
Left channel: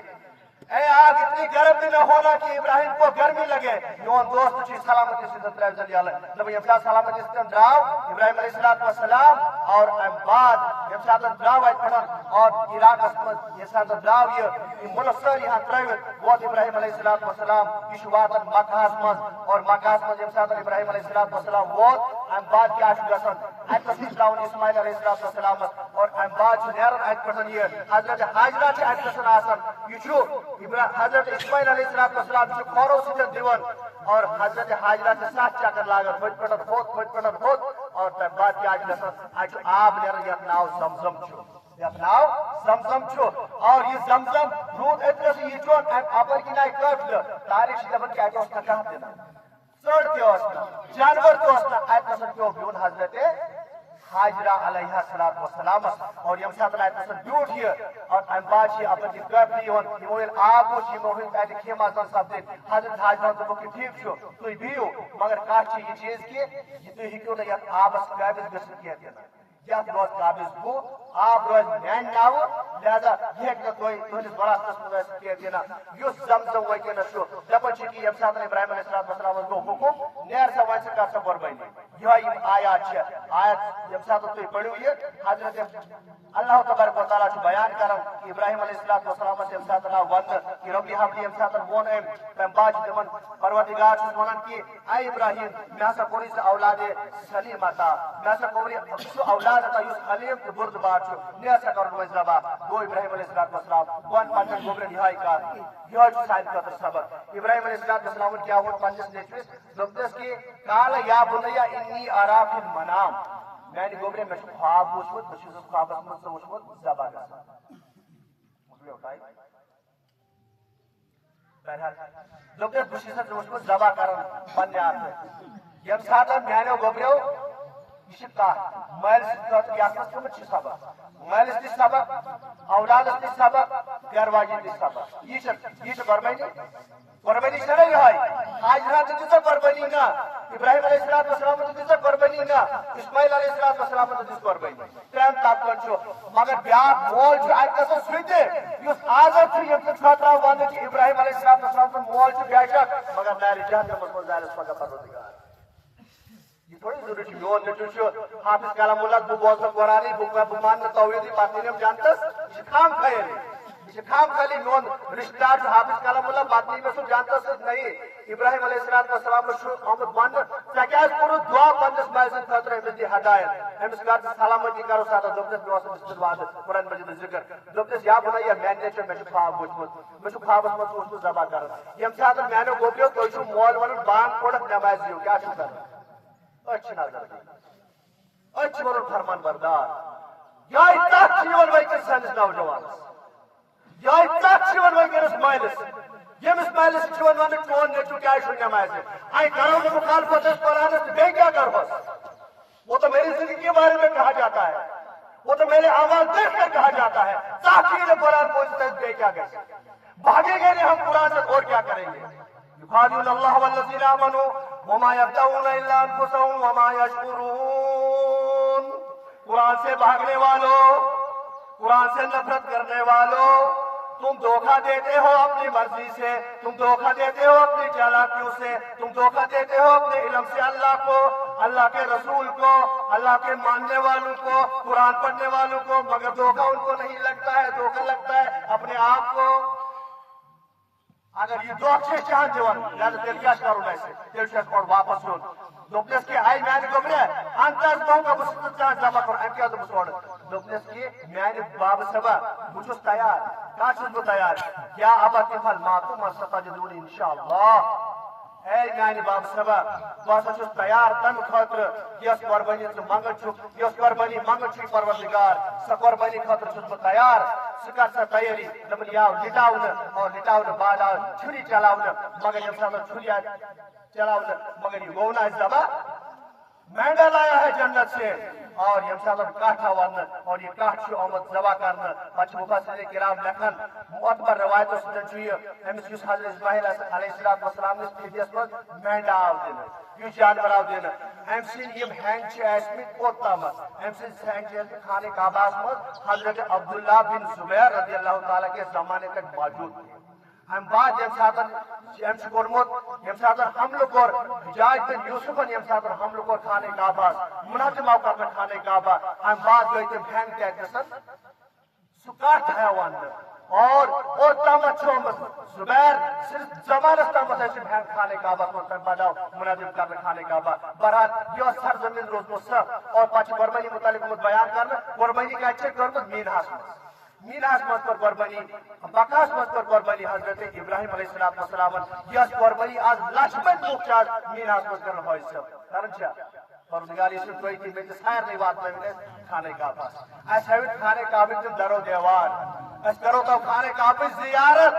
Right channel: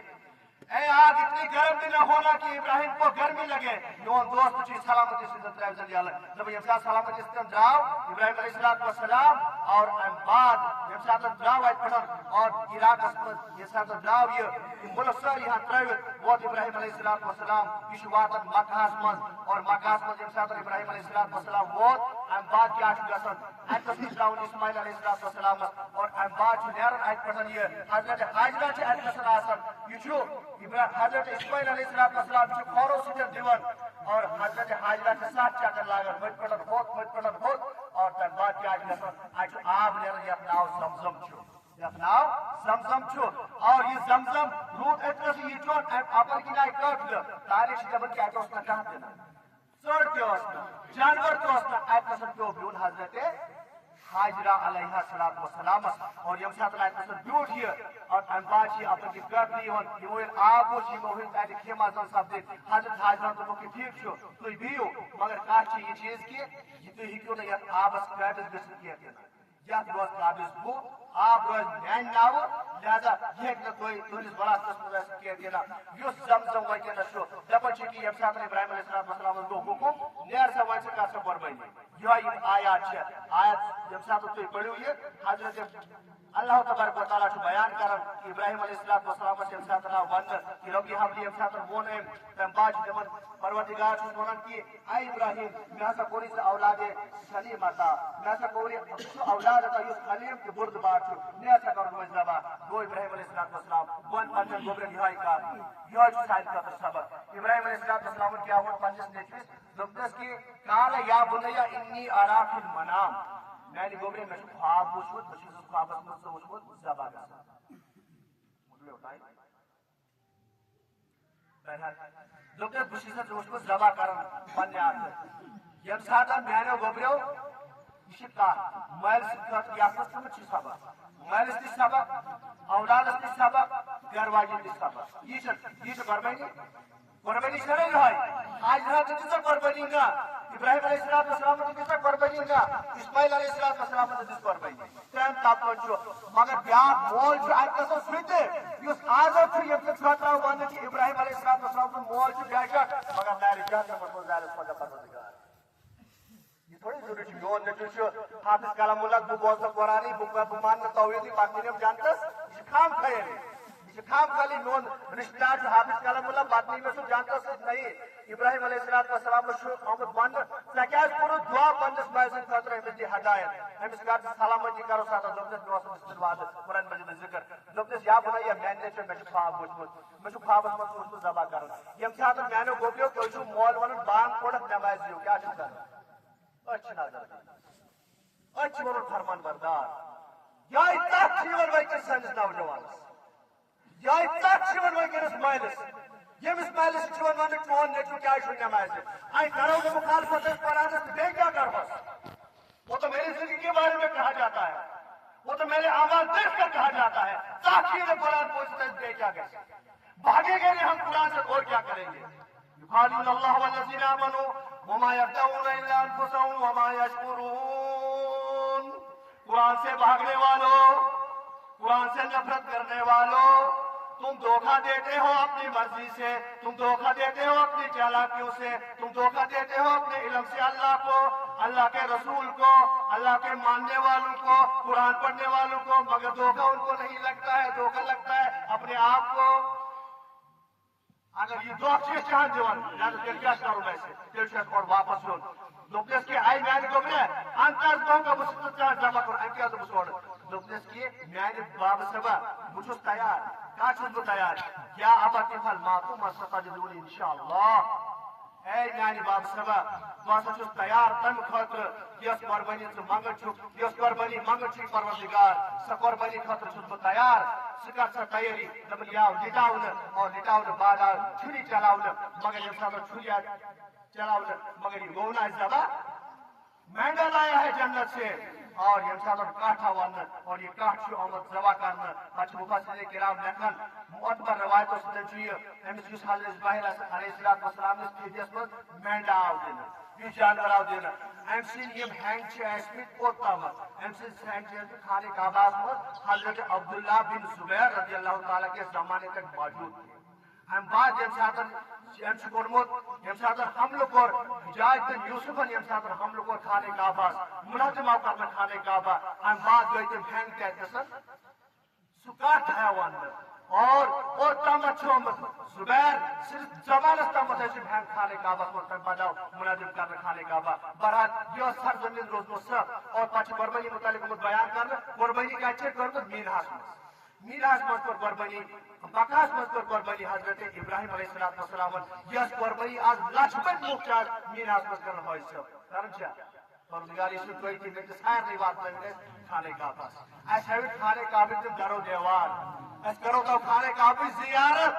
اے آگ اتنی گرم بھی نہ ہونا کہ ابراہیم کو گرمی لگے یون دوست چیز سلامتی سے دراو جلدی اللہ جب یم ساتھ سلامتی سے دراو ابراہیم علیہ السلام اور بعد یم ساتھ دراو آئیت پڑھن اور عراق اسمت یم ساتھ دراو یہ ملک سر یہاں ترائیوت ووت ابراہیم علیہ السلام یہ شواتن مکہ اسمت اور مکہ اسمت یم ساتھ ابراہیم علیہ السلام ووت ام بعد کیا گسن ات پس دراون اسماعیل علیہ السلام اور ام بعد نیرن ات پٹن یہ حضرت حاجرہ چھ ات گسن آسن یہ حضرت اسماعیل علیہ السلام سے کھورو سے دیون اور حضرت حاجرہ کے ساتھ چکر لاگن پٹ پٹن ہوت اور تب بعد کیا گسن آب نیرن یہ ناو زمزم چھو یہ ناو زمزم چھو اور یہ زمزم رود اتنا سے یہ چون اپر کی نائی کرد تاریخ دبن کیا کہ اس نے کہا دینا سڑ کے ہوسنا جانور کے ہوسنا آیت نصر کے بیون حضرت حاجرہ علیہ السلام اور یم ساتھ آیت نصر بیوٹ یہ اور ام باچی اپنے کی کرد لیون یہ آب ہوشی موہن آیت خیمہ زن سب دے حضرت حاجرہ تو کہ ٹھیک چھو تو بیو مگر کار چی یہ چیز کی یہ تو ہی کیوں نہیں آب اس قابض گسن کیا دینا یا روز قابض بو آپ روز مین ناو لہذا یہ ایک کوئی تہندس بڑا قسم ویسے کیا دینا یس زمزم وی کے نشو دپن چکی یم ساتھ ابراہیم علیہ السلام کو حکم نیر سے وائن سے کاسا قربائی یہ آیات ہے آیت یم ساتھ تو پڑھی ہوئی ہے حضرت اللہ تبارک و تعالیٰ سے بیان کرن کہ ابراہیم علیہ السلام سے یم ساتھ ون کہ ربی حبلی یم ساتھ ون تم باج دمن پروردگار سے ونن کہ اے ابراہیم میں سا کوری سے اولاد سلیم عطا میں سا کوری اولاد عطا یس خلیم کے برد بات نیا سا کرن وزربا دو ابراہیم علیہ السلام ون پنجن گوبر نہائی کا یہ سائن کا سبق ابراہیم علیہ السلام کیا ہوا پنجس نیچوس دوپتس کی قال یا بنیا انی ارا فی المنام میں نے گوبر میں خواب وچھوت بشیز خواب اسمت سے وچھوت زبا گسا مجھے اٹھائی بہرحال دوپتس بشیز سے وچھوت زبا کرن پنجے آتے یم ساتھ میں نے گوبریو شکا مال سکت یا سکت چھ سبق مال اس سبق اولاد اس سبق گرواجی اس سبق یہ قربانی چلے رہا ہے آج رات دیتا قربانی نہ ابراہیم علیہ السلام تو دیتا قربانی نہ اسماعیل علیہ السلام تو دیتا قربانی ٹائم تاپن چھو مگر بیاق مول چھو آج کسا سویتے یس آزاد چھو یہ خطرہ وانے چھو ابراہیم علیہ السلام تو مول چھو بیاشک مگر ناری جہاں پر مزائل اس پاکا پروردگار یہ تھوڑی ضروری چھو یون نچو چھو حافظ کلام اللہ دو بوزن قرآنی بمان توحیدی باتنی ہم جانتس شکام کھائے شکام خالی نون رشتہ جو حافظ کلام اللہ باتنی میں سو جانتس نہیں ابراہیم علیہ السلام میں محمد مان سکیس کرو دعا پندس مائزن خطر احمدی ہدایت ہم اس کار سلامتی کرو ساتھ دوپتس دوست استدواد قرآن مجید ذکر دوپتس یا بنا یا میں نیچر میں خواب وچھمت میں خواب اسمت اس کو زبا کرنا یم ساتھ میں نے گوپیو تو چھو مول ونن بانگ کوڑک نماز دیو کیا چھو کرنا اچھ نظر اچھ ونن فرمان بردار یا اتاک چیون ویکر سانس نوجوان یا اتاک چیون ویکر اسماعیلس یم اسماعیلس چیون ونن چون نیچو کیا چھو نماز آئی کرو کہ مخالفت اس قرآن سے بے کیا کر بس وہ تو میری زندگی کے بارے میں کہا جاتا ہے وہ تو میرے آواز دیکھ کر کہا جاتا ہے تاکیر قرآن پوچھتے ہیں بے کیا گئے بھاگے گئے نہیں ہم قرآن سے اور کیا کریں گے يخادعون الله والذين آمنوا وما يخدعون إلا أنفسهم وما يشعرون قرآن سے بھاگنے والوں قرآن سے نفرت کرنے والوں تم دھوکہ دیتے ہو اپنی مرضی سے تم دھوکہ دیتے ہو اپنی چالاکیوں سے تم دھوکہ دیتے ہو اپنے علم سے اللہ کو اللہ کے رسول کو اللہ کے ماننے والوں کو قرآن پڑھنے والوں کو مگر دھوکہ ان کو نہیں لگتا ہے دھوکہ لگتا ہے اپنے آپ کو اگر یہ دو اچھے چاہت دیوان یا تو دل کیا کرو ایسے دل سے اور واپس ہو دوپنس کی آئی میانہ گوبرے انتاز گو کا بس چان جمع کر ان کیا تو بس دوپنس کی میانہ باب سبا بچوس تیار کا چھس بو تیار کیا ابا تفعل ما تؤمر ستجدون انشاءاللہ اے میانہ باب سبا بس چھس تیار تم خاطر یس قربانی تو منگل چھ یس قربانی منگل چھ پروردگار سہ قربانی خاطر چھس بو تیار سکر سا تیاری دبن یا لٹاؤن اور لٹاؤن بعد چھری چلاؤن مگر یم ساتھ چھری چلاؤن مگر یہ گونا اس دبا مہنگا لایا ہے جنت سے اور یم ساتھ کاٹھا ون اور یہ کاٹ چھ آمد ذبح کرنا پچھ مفسرین کرام لکھن معتبر روایتوں سے چھ امس یس حضرت اسماعیل علیہ السلام اس پیس مز مہنگا آو دین یہ جانور آو دین ام سن یم ہینگ چھ اسمت کوتام ام سن ہینگ چھ خانہ کعبہ مز حضرت عبداللہ بن زبیر رضی اللہ تعالی کے زمانے تک موجود ام بعد یم ساتھ یم کورمت یم ساتھ حملہ کور حجاج بن یوسفن یم ساتھ حملہ کور خانہ کعبہ منہدم آو کرنا خانہ کعبہ ام بعد گئی تم ہینگ تیتسن سہ کٹ ہیوان اور تامت چھومت زبیر صرف زمانس تامت ہے ہینگ خانہ کعبہ کو بداؤ منہدم کرنا خانہ کعبہ برحال یہ سرزمین روزمت سہ اور پچھ قربانی متعلق بیان کرنا قربانی کا اچھے کرمت مینہاس میراث مت پر قربانی بکاس مت پر قربانی حضرت ابراہیم علیہ السلام یس قربانی آج لچمت مختار میراث مت کرنا ہوئی سب کرن چا پروردگار یسوع کوئی تھی میں سائر نہیں بات میں کھانے کا پاس اس ہیوت کھانے کا بھی درو دیوار اس کرو تو کھانے کا بھی زیارت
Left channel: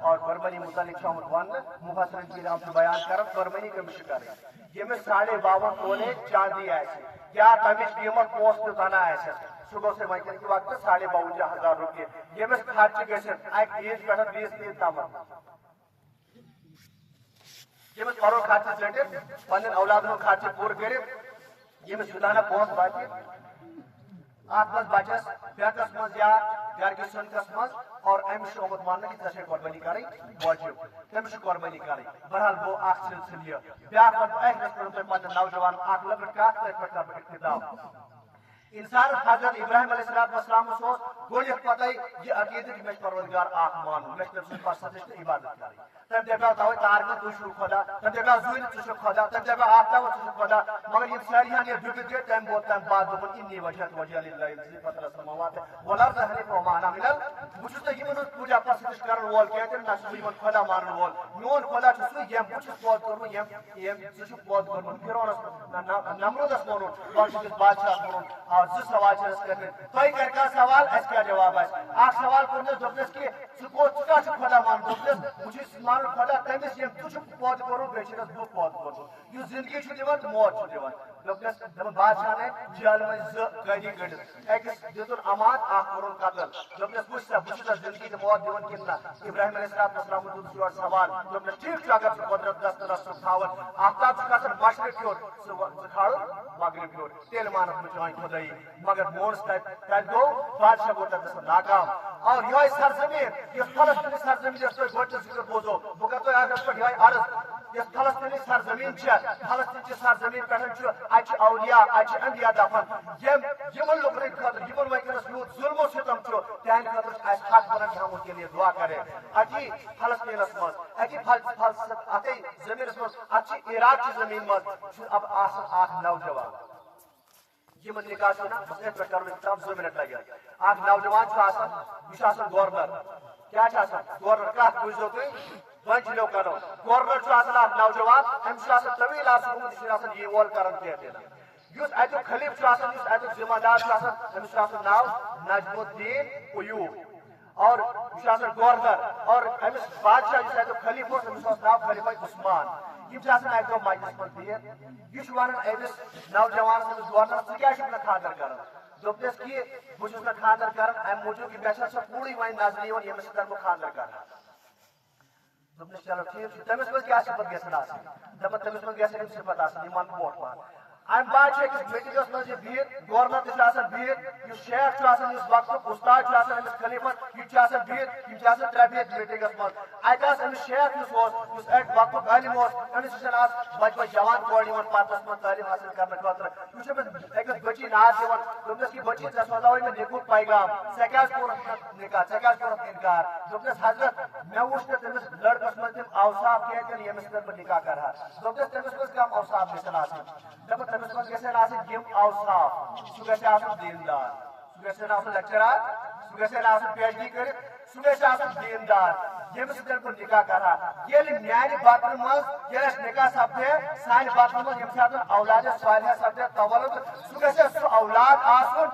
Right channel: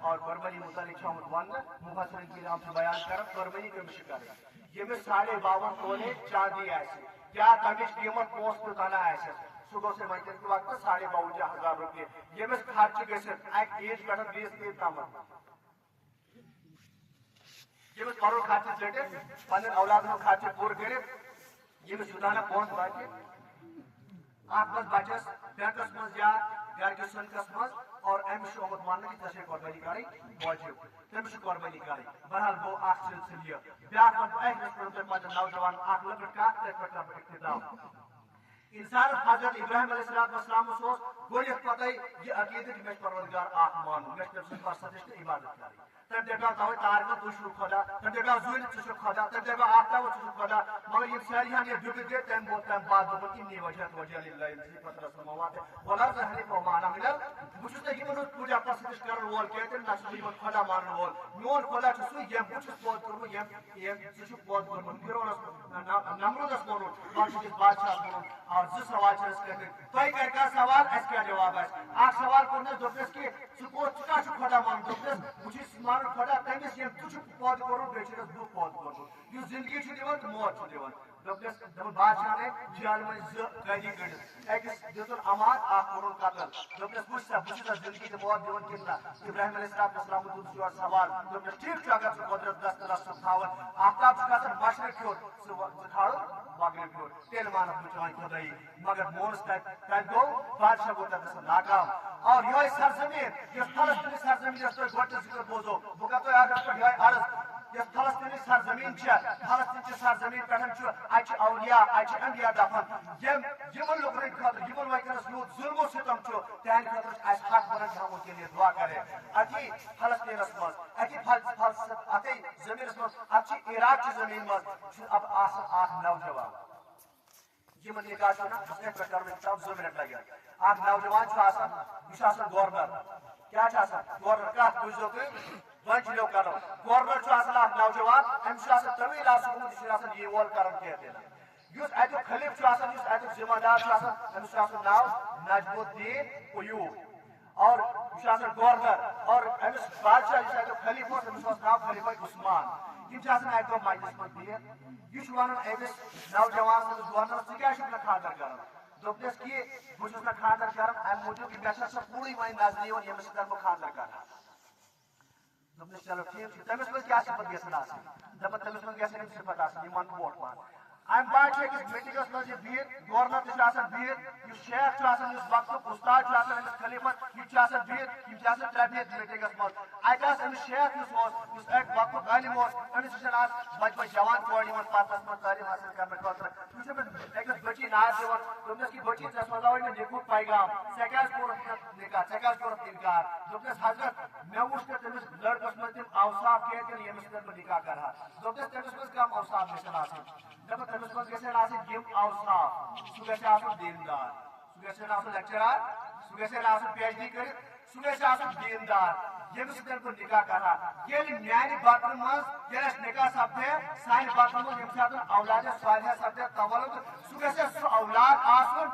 اور قربانی متعلق شامت ون مفسرین کی آپ سے بیان کرب قربانی کے مشکل یہ میں 52.5 تولے چاندی ایسے کیا تمش قیمت پوسٹ بنا ایسے صبح سے وائکن کے وقت 52,000 روپے یہ میں خرچ گئے ایک 30 پہ 20 تین تام یہ میں پرو خرچ چٹے پنن اولادن خرچ پور کرے یہ میں سدانہ پہنچ باقی آپ بس بچس بیکس مز یا گھر کے سنکس مز اور امس آمد ماننے کی تشے قربانی کری واجب تمس قربانی کری بہرحال وہ اخ سلسلہ بیاکھ ایک رسول پتہ نوجوان اخ لگٹ کاٹ پہ اقتدام انسان حضرت ابراہیم علیہ السلام سوز گوڑیت پتہ یہ عقیدہ کہ میں پروردگار آخ مانو میں تم سے پرستش عبادت کری تم دیکھا تاوی تارگا تشو خدا تم دیکھا زویل تشو خدا تم دیکھا آفتاب تشو خدا مگر یہ ساریاں یہ دکھ دے تم بہت تم بعد دکھ انی وجہت وجہ للہ انسی فتر السماوات ولا ظہری فومانا ملل بچھو تک یہ پوجا پرستش کرن وول کہتے ہیں نسلی من خدا مانن وول میون خدا چسو یم بچھو پود کرو یم چسو پود کرو فرعون نمرود اس مونو باقی جس بادشاہ مونو اور زٕ سوال چھ اس کرنے تۄہہِ کر کا سوال اس کیا جواب آسہِ اکھ سوال کرنس دوٚپنس کہ ژٕ کیٛاہ چھُکھ خۄدا مان دوٚپنس بہٕ چھُس مانان خۄدا تٔمِس ییٚمۍ ژٕ چھُکھ پٲدٕ کوٚرمُت بیٚیہِ چھُکھ بہٕ پٲدٕ کوٚرمُت یُس زندگی چھُ دِوان تہٕ موت چھُ دِوان دوٚپنس دوٚپُن بادشاہ نے جیل منٛز زٕ قٲدی کٔڑِتھ أکِس دِتُن امان اکھ کوٚرُن قتل دوٚپنس وٕچھ سا بہٕ چھُسا زندگی تہٕ موت دِوان کِنہٕ نہ ابراہیم علیہ السلام دوٚپُس یورٕ سوال دوٚپنس ٹھیٖک چھُ اگر ژٕ قۄدرت دسترس چھُکھ تھاوان آفتاب چھُ گژھان مشرق ہیوٚر ژٕ کھالُن مغرب ہیوٚر تیٚلہِ مانکھ بہٕ چٲنۍ خۄدٲیی مگر مونس تتہِ گوٚو بادشاہ گوٚو تتہِ گژھان ناکام اور یہے سرزمین یۄس فلسطینی سرزمین یۄس تۄہہِ گۄڈٕ ذکر بوزو بہٕ کرٕ تۄہہِ آز پٮ۪ٹھ یہے عرض یۄس فلسطینی سرزمین چھےٚ فلسطین چہِ سرزمین پٮ۪ٹھ چھُ اتہِ چھِ اولیاء اتہِ چھِ انبیا دفن یمن لُکن خٲطرٕ یمن وٕنکیٚنس یوٗت ظلم و ستم چھُ تہنٛدِ خٲطرٕ چھُ اسہِ حق بنان تھاوُن کے لیے دعا کرے اتی فلسطینس منٛز اتی اتے زمینس منٛز اتہِ چھِ عراق چہِ زمین منٛز چھُ اب آسان اکھ نوجوان یہ نکاح چھو نا اس نے پہ کرنے تب 2 منٹ لگے اکھ نوجوان چھو آسان یہ آسان گورنر کیا آسان گورنر کت بوزو تھی وی چلو کرو گورنر چھو آسان اکھ نوجوان امس آسان طویل آسان یہ آسان یہ وول کرن کہتے ہیں یس اتک خلیف چھو آسان یس اتک ذمہ دار چھو آسان امس آسان ناو نجم الدین ایوب اور یہ آسان گورنر اور امس بادشاہ یس اتک خلیف امس ناو خلیفہ عثمان یہ اکہ دہ مجلس من بہت یہ ونان امس نوجوان سندس گورنر ژٕ کیٛازِ چھُکھ نہٕ خاندر کران دوٚپنس کہ بہٕ چھُس نہٕ خاندر کران امہِ موٗجوٗب کہ مےٚ چھےٚ سۄ کوٗرٕے وۄنۍ نظرِ یِوان ییٚمِس سۭتۍ بہٕ خاندر کرٕ دوٚپنس چلو ٹھیٖک چھُ تٔمِس منٛز کیٛاہ صفت گژھن آسٕنۍ دپان تٔمِس منٛز گژھن یِم صفت آسٕنۍ یِم ونہٕ برونٛٹھ پہن امہ بعد أکس میٹنگس منٛز یہِ بِہِتھ گورنر تہِ چھُ آسان بِہِتھ یُس شیخ چھُ آسان یُس وقتُک استاد چھُ آسان أمِس خلیفس یہِ چھُ آسان بِہِتھ یِم چھِ آسان 3 بِہِتھ میٹنگس منٛز اتہِ آس أمِس شیخ یُس اوس یُس اتہِ وقتُک عٲلِم اوس أمِس نِش آس بچہِ بچہِ جوان کورِ یِوان پردس منٛز تعلیٖم حٲصِل کرنہٕ خٲطرٕ یہِ چھُ أمِس أکِس بٔچی ناد دِوان دوٚپنس کہ بٔچی ژےٚ سوزاوے مےٚ نِکُک پیغام ژےٚ کیٛازِ کوٚرُتھ نِکاح ژےٚ کیٛازِ کوٚرُتھ اِنکار دوٚپنس حضرت مےٚ وُچھ نہٕ تٔمِس لڑکس منٛز تِم اوصاف کہتے ہیں یمس پر نکاح کرا دوپس تمس مز کم اوصاف گژھن آسن دپ تمس مز گژھن آسن یم اوصاف سہ گژھِ آسن دیندار سہ گژھن آسن لیکچرار سہ گژھن آسن پی ایچ ڈی کٔرِتھ سہ گژھِ آسن دیندار یمس سۭتۍ بہٕ نکاح کرا ییٚلہِ میانہِ بطنہٕ منٛز ییٚلہِ اَسہِ نکاح سپدے سانہِ بطنہٕ منٛز ییٚمہِ ساتہٕ اولادِ صالحہ سپدے تولُد سُہ گژھِ سُہ اولاد آسُن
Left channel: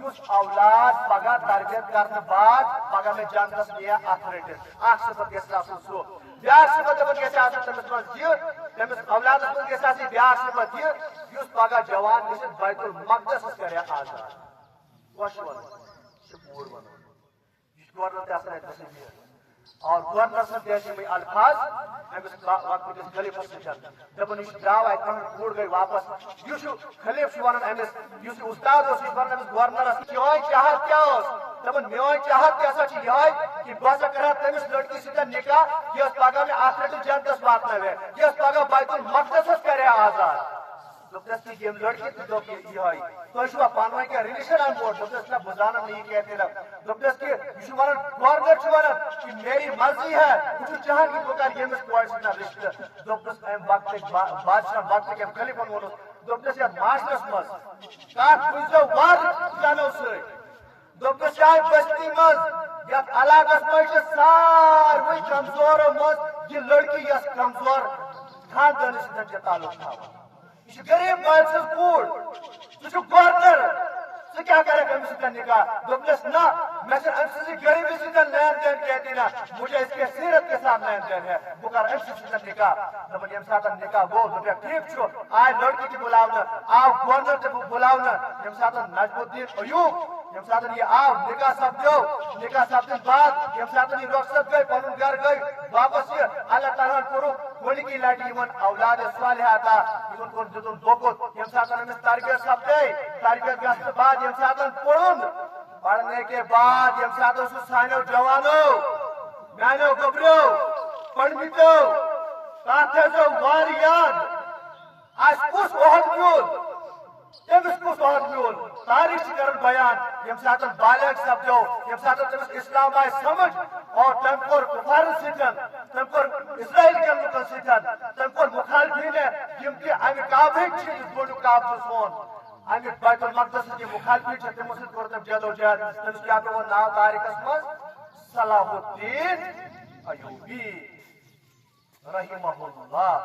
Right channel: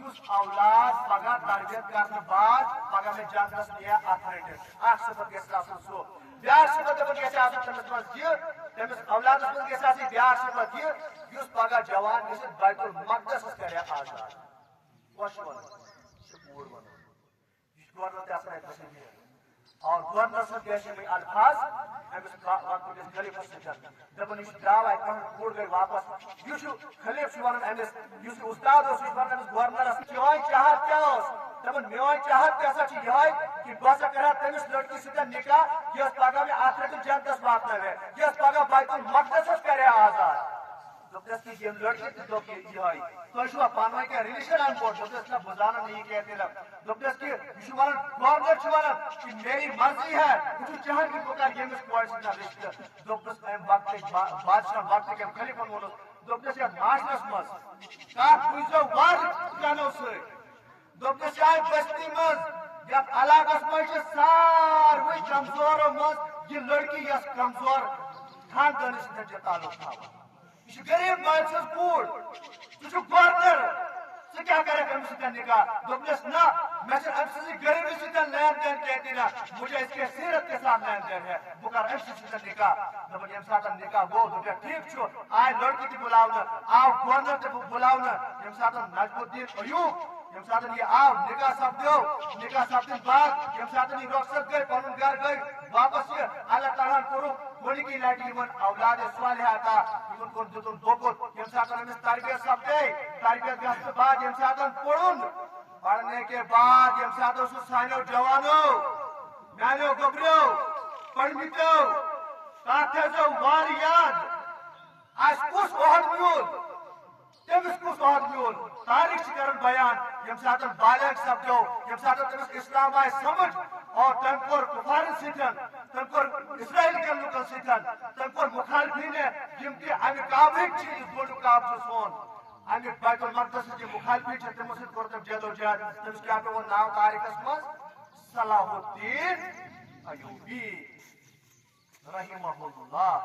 یُس اولاد پگہ تربیت کرنہٕ بعد پگہ مےٚ جنتس نِیہِ اتھ رٔٹِتھ اکھ صفت گژھِ آسُن سُہ بیاکھ صفت دپان گژھِ آسُن تٔمِس منٛز یہِ تٔمِس اولادس منٛز گژھِ آسٕنۍ بیاکھ صفت یہِ یُس پگہ جوان گٔژھِتھ بیت المقدسس کرِ آزاد خۄش ونُن یہِ چھُ کوٗر ونُن یہِ چھُ گورنر تہِ آسان اَتہِ تصویر اور گورنر صاحب جیسے الفاظ امس وقت کس خلیفس سۭتۍ دپان یہ درٛاو اتہِ کانٛہہ کوٗر گٔے واپس یُس خلیف چھُ ونان امس یُس استاد اوس یہِ ونان امس گورنرس چٲنۍ چاہت کیٛاہ اوس دپان میٲنۍ چاہت تہِ ہسا چھِ یِہوے کہ بہٕ ہسا کرٕ ہا تٔمِس لڑکی سۭتۍ نکاح یۄس پگہہ مےٚ آخرتس جنتس واتناوِ یۄس پگہہ بیت المقدسس کرِ آزاد دوٚپنس کہ یِم لڑکی تہِ دوٚپ یِہوے تُہۍ چھُوا پانہٕ ؤنۍ کینٛہہ رِلیشن ان پوٹ دوٚپنس نہ بہٕ زانن نہٕ یہِ کینٛہہ تیٚلہِ دوٚپنس کہ یہِ چھُ ونان گورنر چھُ ونان کہ میری مرضی ہے بہٕ چھُس چاہان کہ بہٕ کرٕ ییٚمِس کورِ سۭتۍ رشتہٕ دوٚپنس امہِ وقتٕکۍ بادشاہ وقتٕکۍ امہِ خلیفن ووٚنُس دوٚپنس یتھ معاشرس منٛز کتھ بوٗزِو وارٕ کنو سۭتۍ دوٚپنس شاید بستی منٛز یتھ علاقس منٛز چھِ ساروٕے کمزورو منٛز یہِ لڑکی یۄس کمزور خاندانس سۭتۍ چھِ تعلق تھاوان یہ چھِ غریب مالۍ سٕنٛز کوٗر ژٕ چھُکھ گورنر ژٕ کیٛاہ کرکھ أمِس سۭتۍ نکاح دوٚپنس نہ مےٚ چھِ أمۍ سٕنٛزِ غریبی سۭتۍ لین دین کہتی نہ مجھے اس کے سیرت کے ساتھ لین دین ہے بہٕ کرٕ أمۍ سۭتۍ نکاح دپان ییٚمہِ ساتہٕ نکاح گوٚو دوٚپکھ ٹھیٖک چھُ آے لڑکی تہِ بُلاونہٕ آو گورنر تہِ بُلاونہٕ ییٚمہِ ساتہٕ نجم الدین ایوب ییٚمہِ ساتہٕ یہِ آو نکاح سپدیو نکاح سپدنہٕ بعد ییٚمہِ ساتہٕ یہِ رۄخصت گٔے پنُن گرٕ گٔے واپس یہِ اللہ تعالیٰ ہن کوٚرُکھ گۄڈنِکی لٹہِ یِمن اولادِ صالحہ عطا یِمن کوٚر دِتُن دوکُت ییٚمہِ ساتہٕ أمِس تربیت سپدے تربیت گژھنہٕ بعد ییٚمہِ ساتہٕ پوٚرُن پڑھنے کے بعد ییٚمہِ ساتہٕ سُہ سانیو جوانو میانیو گوٚبریو پٔرمٕتیو تتھ تھٲیزیو وارٕ یاد اَسہِ کُس عہد میوٗل تٔمِس کُس عہد میوٗل تاریخ چھِ کران بیان ییٚمہِ ساتہٕ بالغ سپدیو ییٚمہِ ساتہٕ تٔمِس اسلام آیہِ سمجھ اور تٔمۍ کوٚر کُفارن سۭتۍ تٔمۍ کوٚر اسرائیل کٮ۪ن لُکن سۭتۍ تٔمۍ کوٚر مُخالفیٖن یِم تہِ امہِ کعبٕکۍ چھِ یُس گۄڈنیُک کعبہٕ چھُ سون امیُک بیت المقدسٕچ یِم مُخالفیٖن چھِ تِمو سۭتۍ کوٚر تٔمۍ جدوجہد تٔمِس کیٛاہ پیوٚو ناو تاریخس منٛز صلاح الدین ایوبی رحمہ اللہ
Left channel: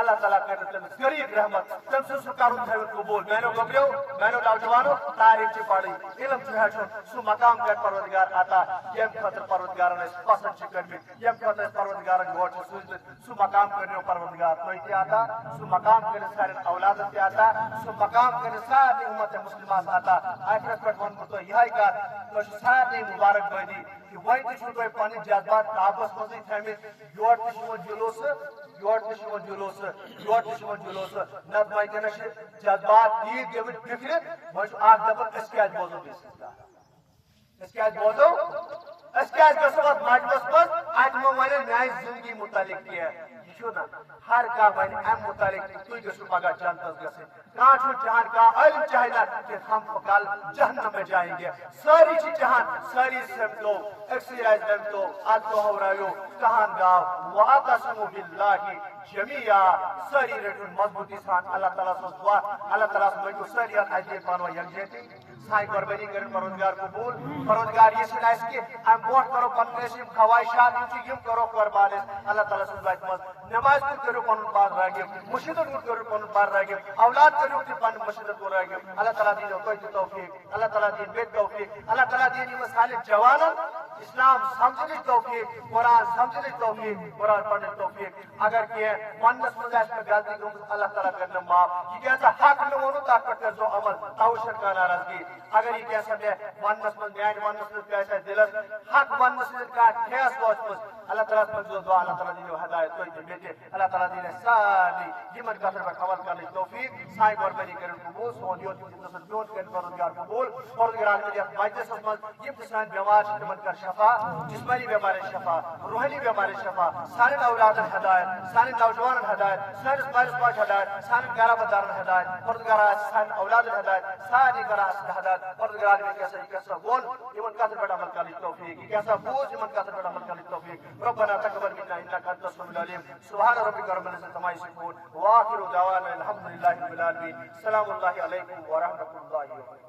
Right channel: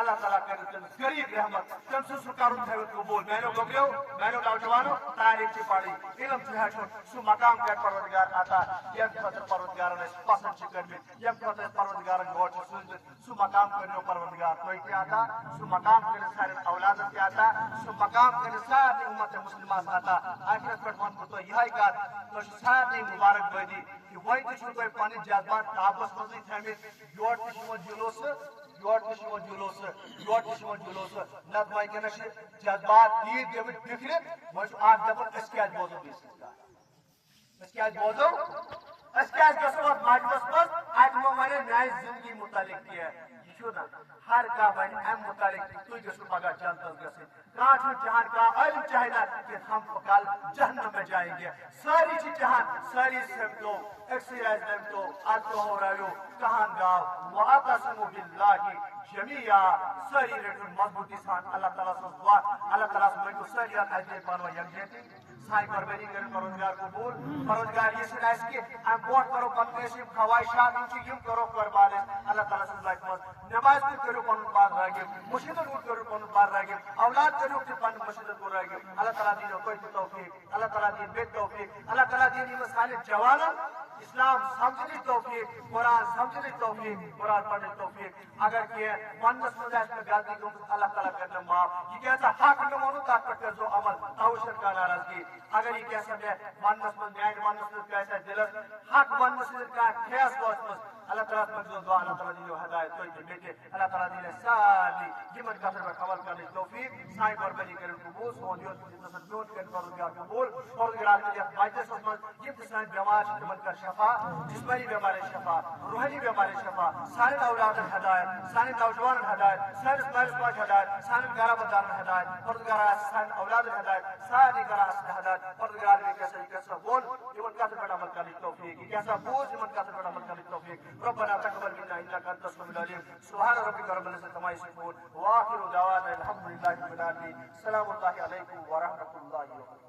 اللہ تعالیٰ کرِ تٔمِس غریٖب رحمت تٔمۍ سُنٛد سُہ کرُن تھٲوِتھ قبوٗل میانیو گوٚبریو میانیو نوجوانو تاریخ چھِ پرٕنۍ علم چھُ ہیٚچھُن سُہ مقام کرِ پروردگار عطا ییٚمہِ خٲطرٕ پروردگارن أسۍ پسنٛد چھِ کٔرمٕتۍ ییٚمہِ خٲطرٕ أسۍ پروردگارن یور چھِ سوٗزمٕتۍ سُہ مقام کٔرِو پروردگار تُہۍ تہِ عطا سُہ مقام کٔرِتھ سانٮ۪ن اولادن تہِ عطا سُہ مقام کٔرِتھ سارنٕے اُمت مُسلماس عطا آخرس پٮ۪ٹھ ونہٕ بہٕ تۄہہِ یِہے کتھ تۄہہِ چھِ سارنٕے مُبارک بٲدی کہ وۄنۍ تہِ چھُو تۄہہِ پنٕنۍ جذبات قابوٗوس منٛزٕے تھٲمٕتۍ یورٕ تہِ چھُ یِوان جلوٗسہٕ یورٕ تہِ چھُ یِوان جلوٗسہٕ یورٕ تہِ چھُ یِوان جلوٗسہٕ نتہٕ وٕنکیٚنس چھِ جذبات تیٖتۍ گٔمٕتۍ بِکھرِتھ وۄنۍ چھُ اکھ دپان أسۍ کیازِ بوزو بیٚیِس سٕنٛز کتھ أسۍ کیازِ بوزو أسۍ کیازِ گژھو اتھ مجلس منٛز اتہِ مہ ونن میانہِ زندگی متعلق کینٛہہ یہِ چھُ نہ ہر کانٛہہ ونہِ امہِ متعلق تُہۍ گٔژھِو پگاہ جنتس گژھٕنۍ کانٛہہ چھُنہٕ چاہان کانٛہہ عٲلم چاہے نہ کہ ہم کل جہنم میں جائیں گے سٲری چھِ چاہان سٲری سمٹو أکسٕے آسہِ دٔمتو اتھ دۄہراوو کہان گاو واعتصموا باللہ جمیعا سٲری رٔٹِو مضبوٗطی سان اللہ تعالیٰ سٕنٛز دعا اللہ تعالیٰ مٔنگِو سٲری اتھ اَتہِ پانہٕ ؤنۍ یکجہتی سانہِ قۄربٲنی کٔرِو پروردگار قبوٗل پروردگار یہِ چھُنہٕ اَسہِ کہِ اَمہِ برونٛٹھ کرو پنٕنۍ أسۍ یِم خواہشات یِم چھِ یِم کرو قۄربان أسۍ اللہ تعالیٰ سٕنٛز وتہِ منٛز نماز کُن کٔرِو پنُن پان رٲغِب مُشِدن کُن کٔرِو پنُن پان رٲغِب اولاد کٔرِو تہِ پنُن مُشِدن کُن رٲغِب اللہ تعالیٰ دِیِو تۄہہِ تہِ توفیٖق اللہ تعالیٰ دِیِن مےٚ تہِ توفیٖق اللہ تعالیٰ دِیِن یِمن سانٮ۪ن جوانن اسلام سمجھنٕچ توفیٖق قرآن سمجھنٕچ توفیٖق قرآن پرنٕچ توفیٖق اگر کینٛہہ وننس منٛز آسہِ مےٚ غلطی گٔمٕژ اللہ تعالیٰ کرِ مےٚ معاف یہِ کیٛاہ حق مےٚ ووٚنوٕ تتھ پٮ۪ٹھ کٔرۍزیو عمل توے چھنہٕ کانٛہہ ناراضگی اگر یہِ کیٛاہ سا مےٚ وننس منٛز میانہِ وننہٕ سۭتۍ کیٛاہ آسہِ دِلس حق وننہٕ سۭتۍ کانٛہہ ٹھیس وٲژمٕژ اللہ تعالیٰ منٛگزیو دعا اللہ تعالیٰ دِیو ہدایت تُہۍ تہِ مےٚ تہِ اللہ تعالیٰ دِیِن اَسہِ سارنٕے یِمن کتھن پٮ۪ٹھ عمل کرنٕچ توفیٖق سانہِ قۄربٲنی کٔرِو قبوٗل سون یوت میون کٔرِو پروردگار قبوٗل پروردگار کٔرِو یتھ مجلسس منٛز یِم تہِ سٲنۍ بٮ۪مار چھِ تِمن کر شفا جسمٲنی بٮ۪مارٮ۪ن شفا روحٲنی بٮ۪مارٮ۪ن شفا سانٮ۪ن اولادن ہدایت سانٮ۪ن نوجوانن ہدایت سٲنِس مٲلِس ماجہِ ہدایت سانٮ۪ن گرابدارن ہدایت پروردگار آسہِ سانٮ۪ن اولادن ہدایت سارنٕے کران اَسہِ ہدایت پروردگار یہِ کیٛاہ سا ووٚن یِمن کتھن پٮ۪ٹھ عمل کرنٕچ توفیٖق یہِ کیٛاہ سا بوٗز یِمن کتھن پٮ۪ٹھ عمل کرنٕچ توفیٖق ربنا تقبل منا انك انت السميع العليم سبحان ربک رب العزت عما یصفون وآخر دعوانا الحمد للہ رب العالمین. السلام اللہ علیکم ورحمۃ اللہ وبرکاتہ.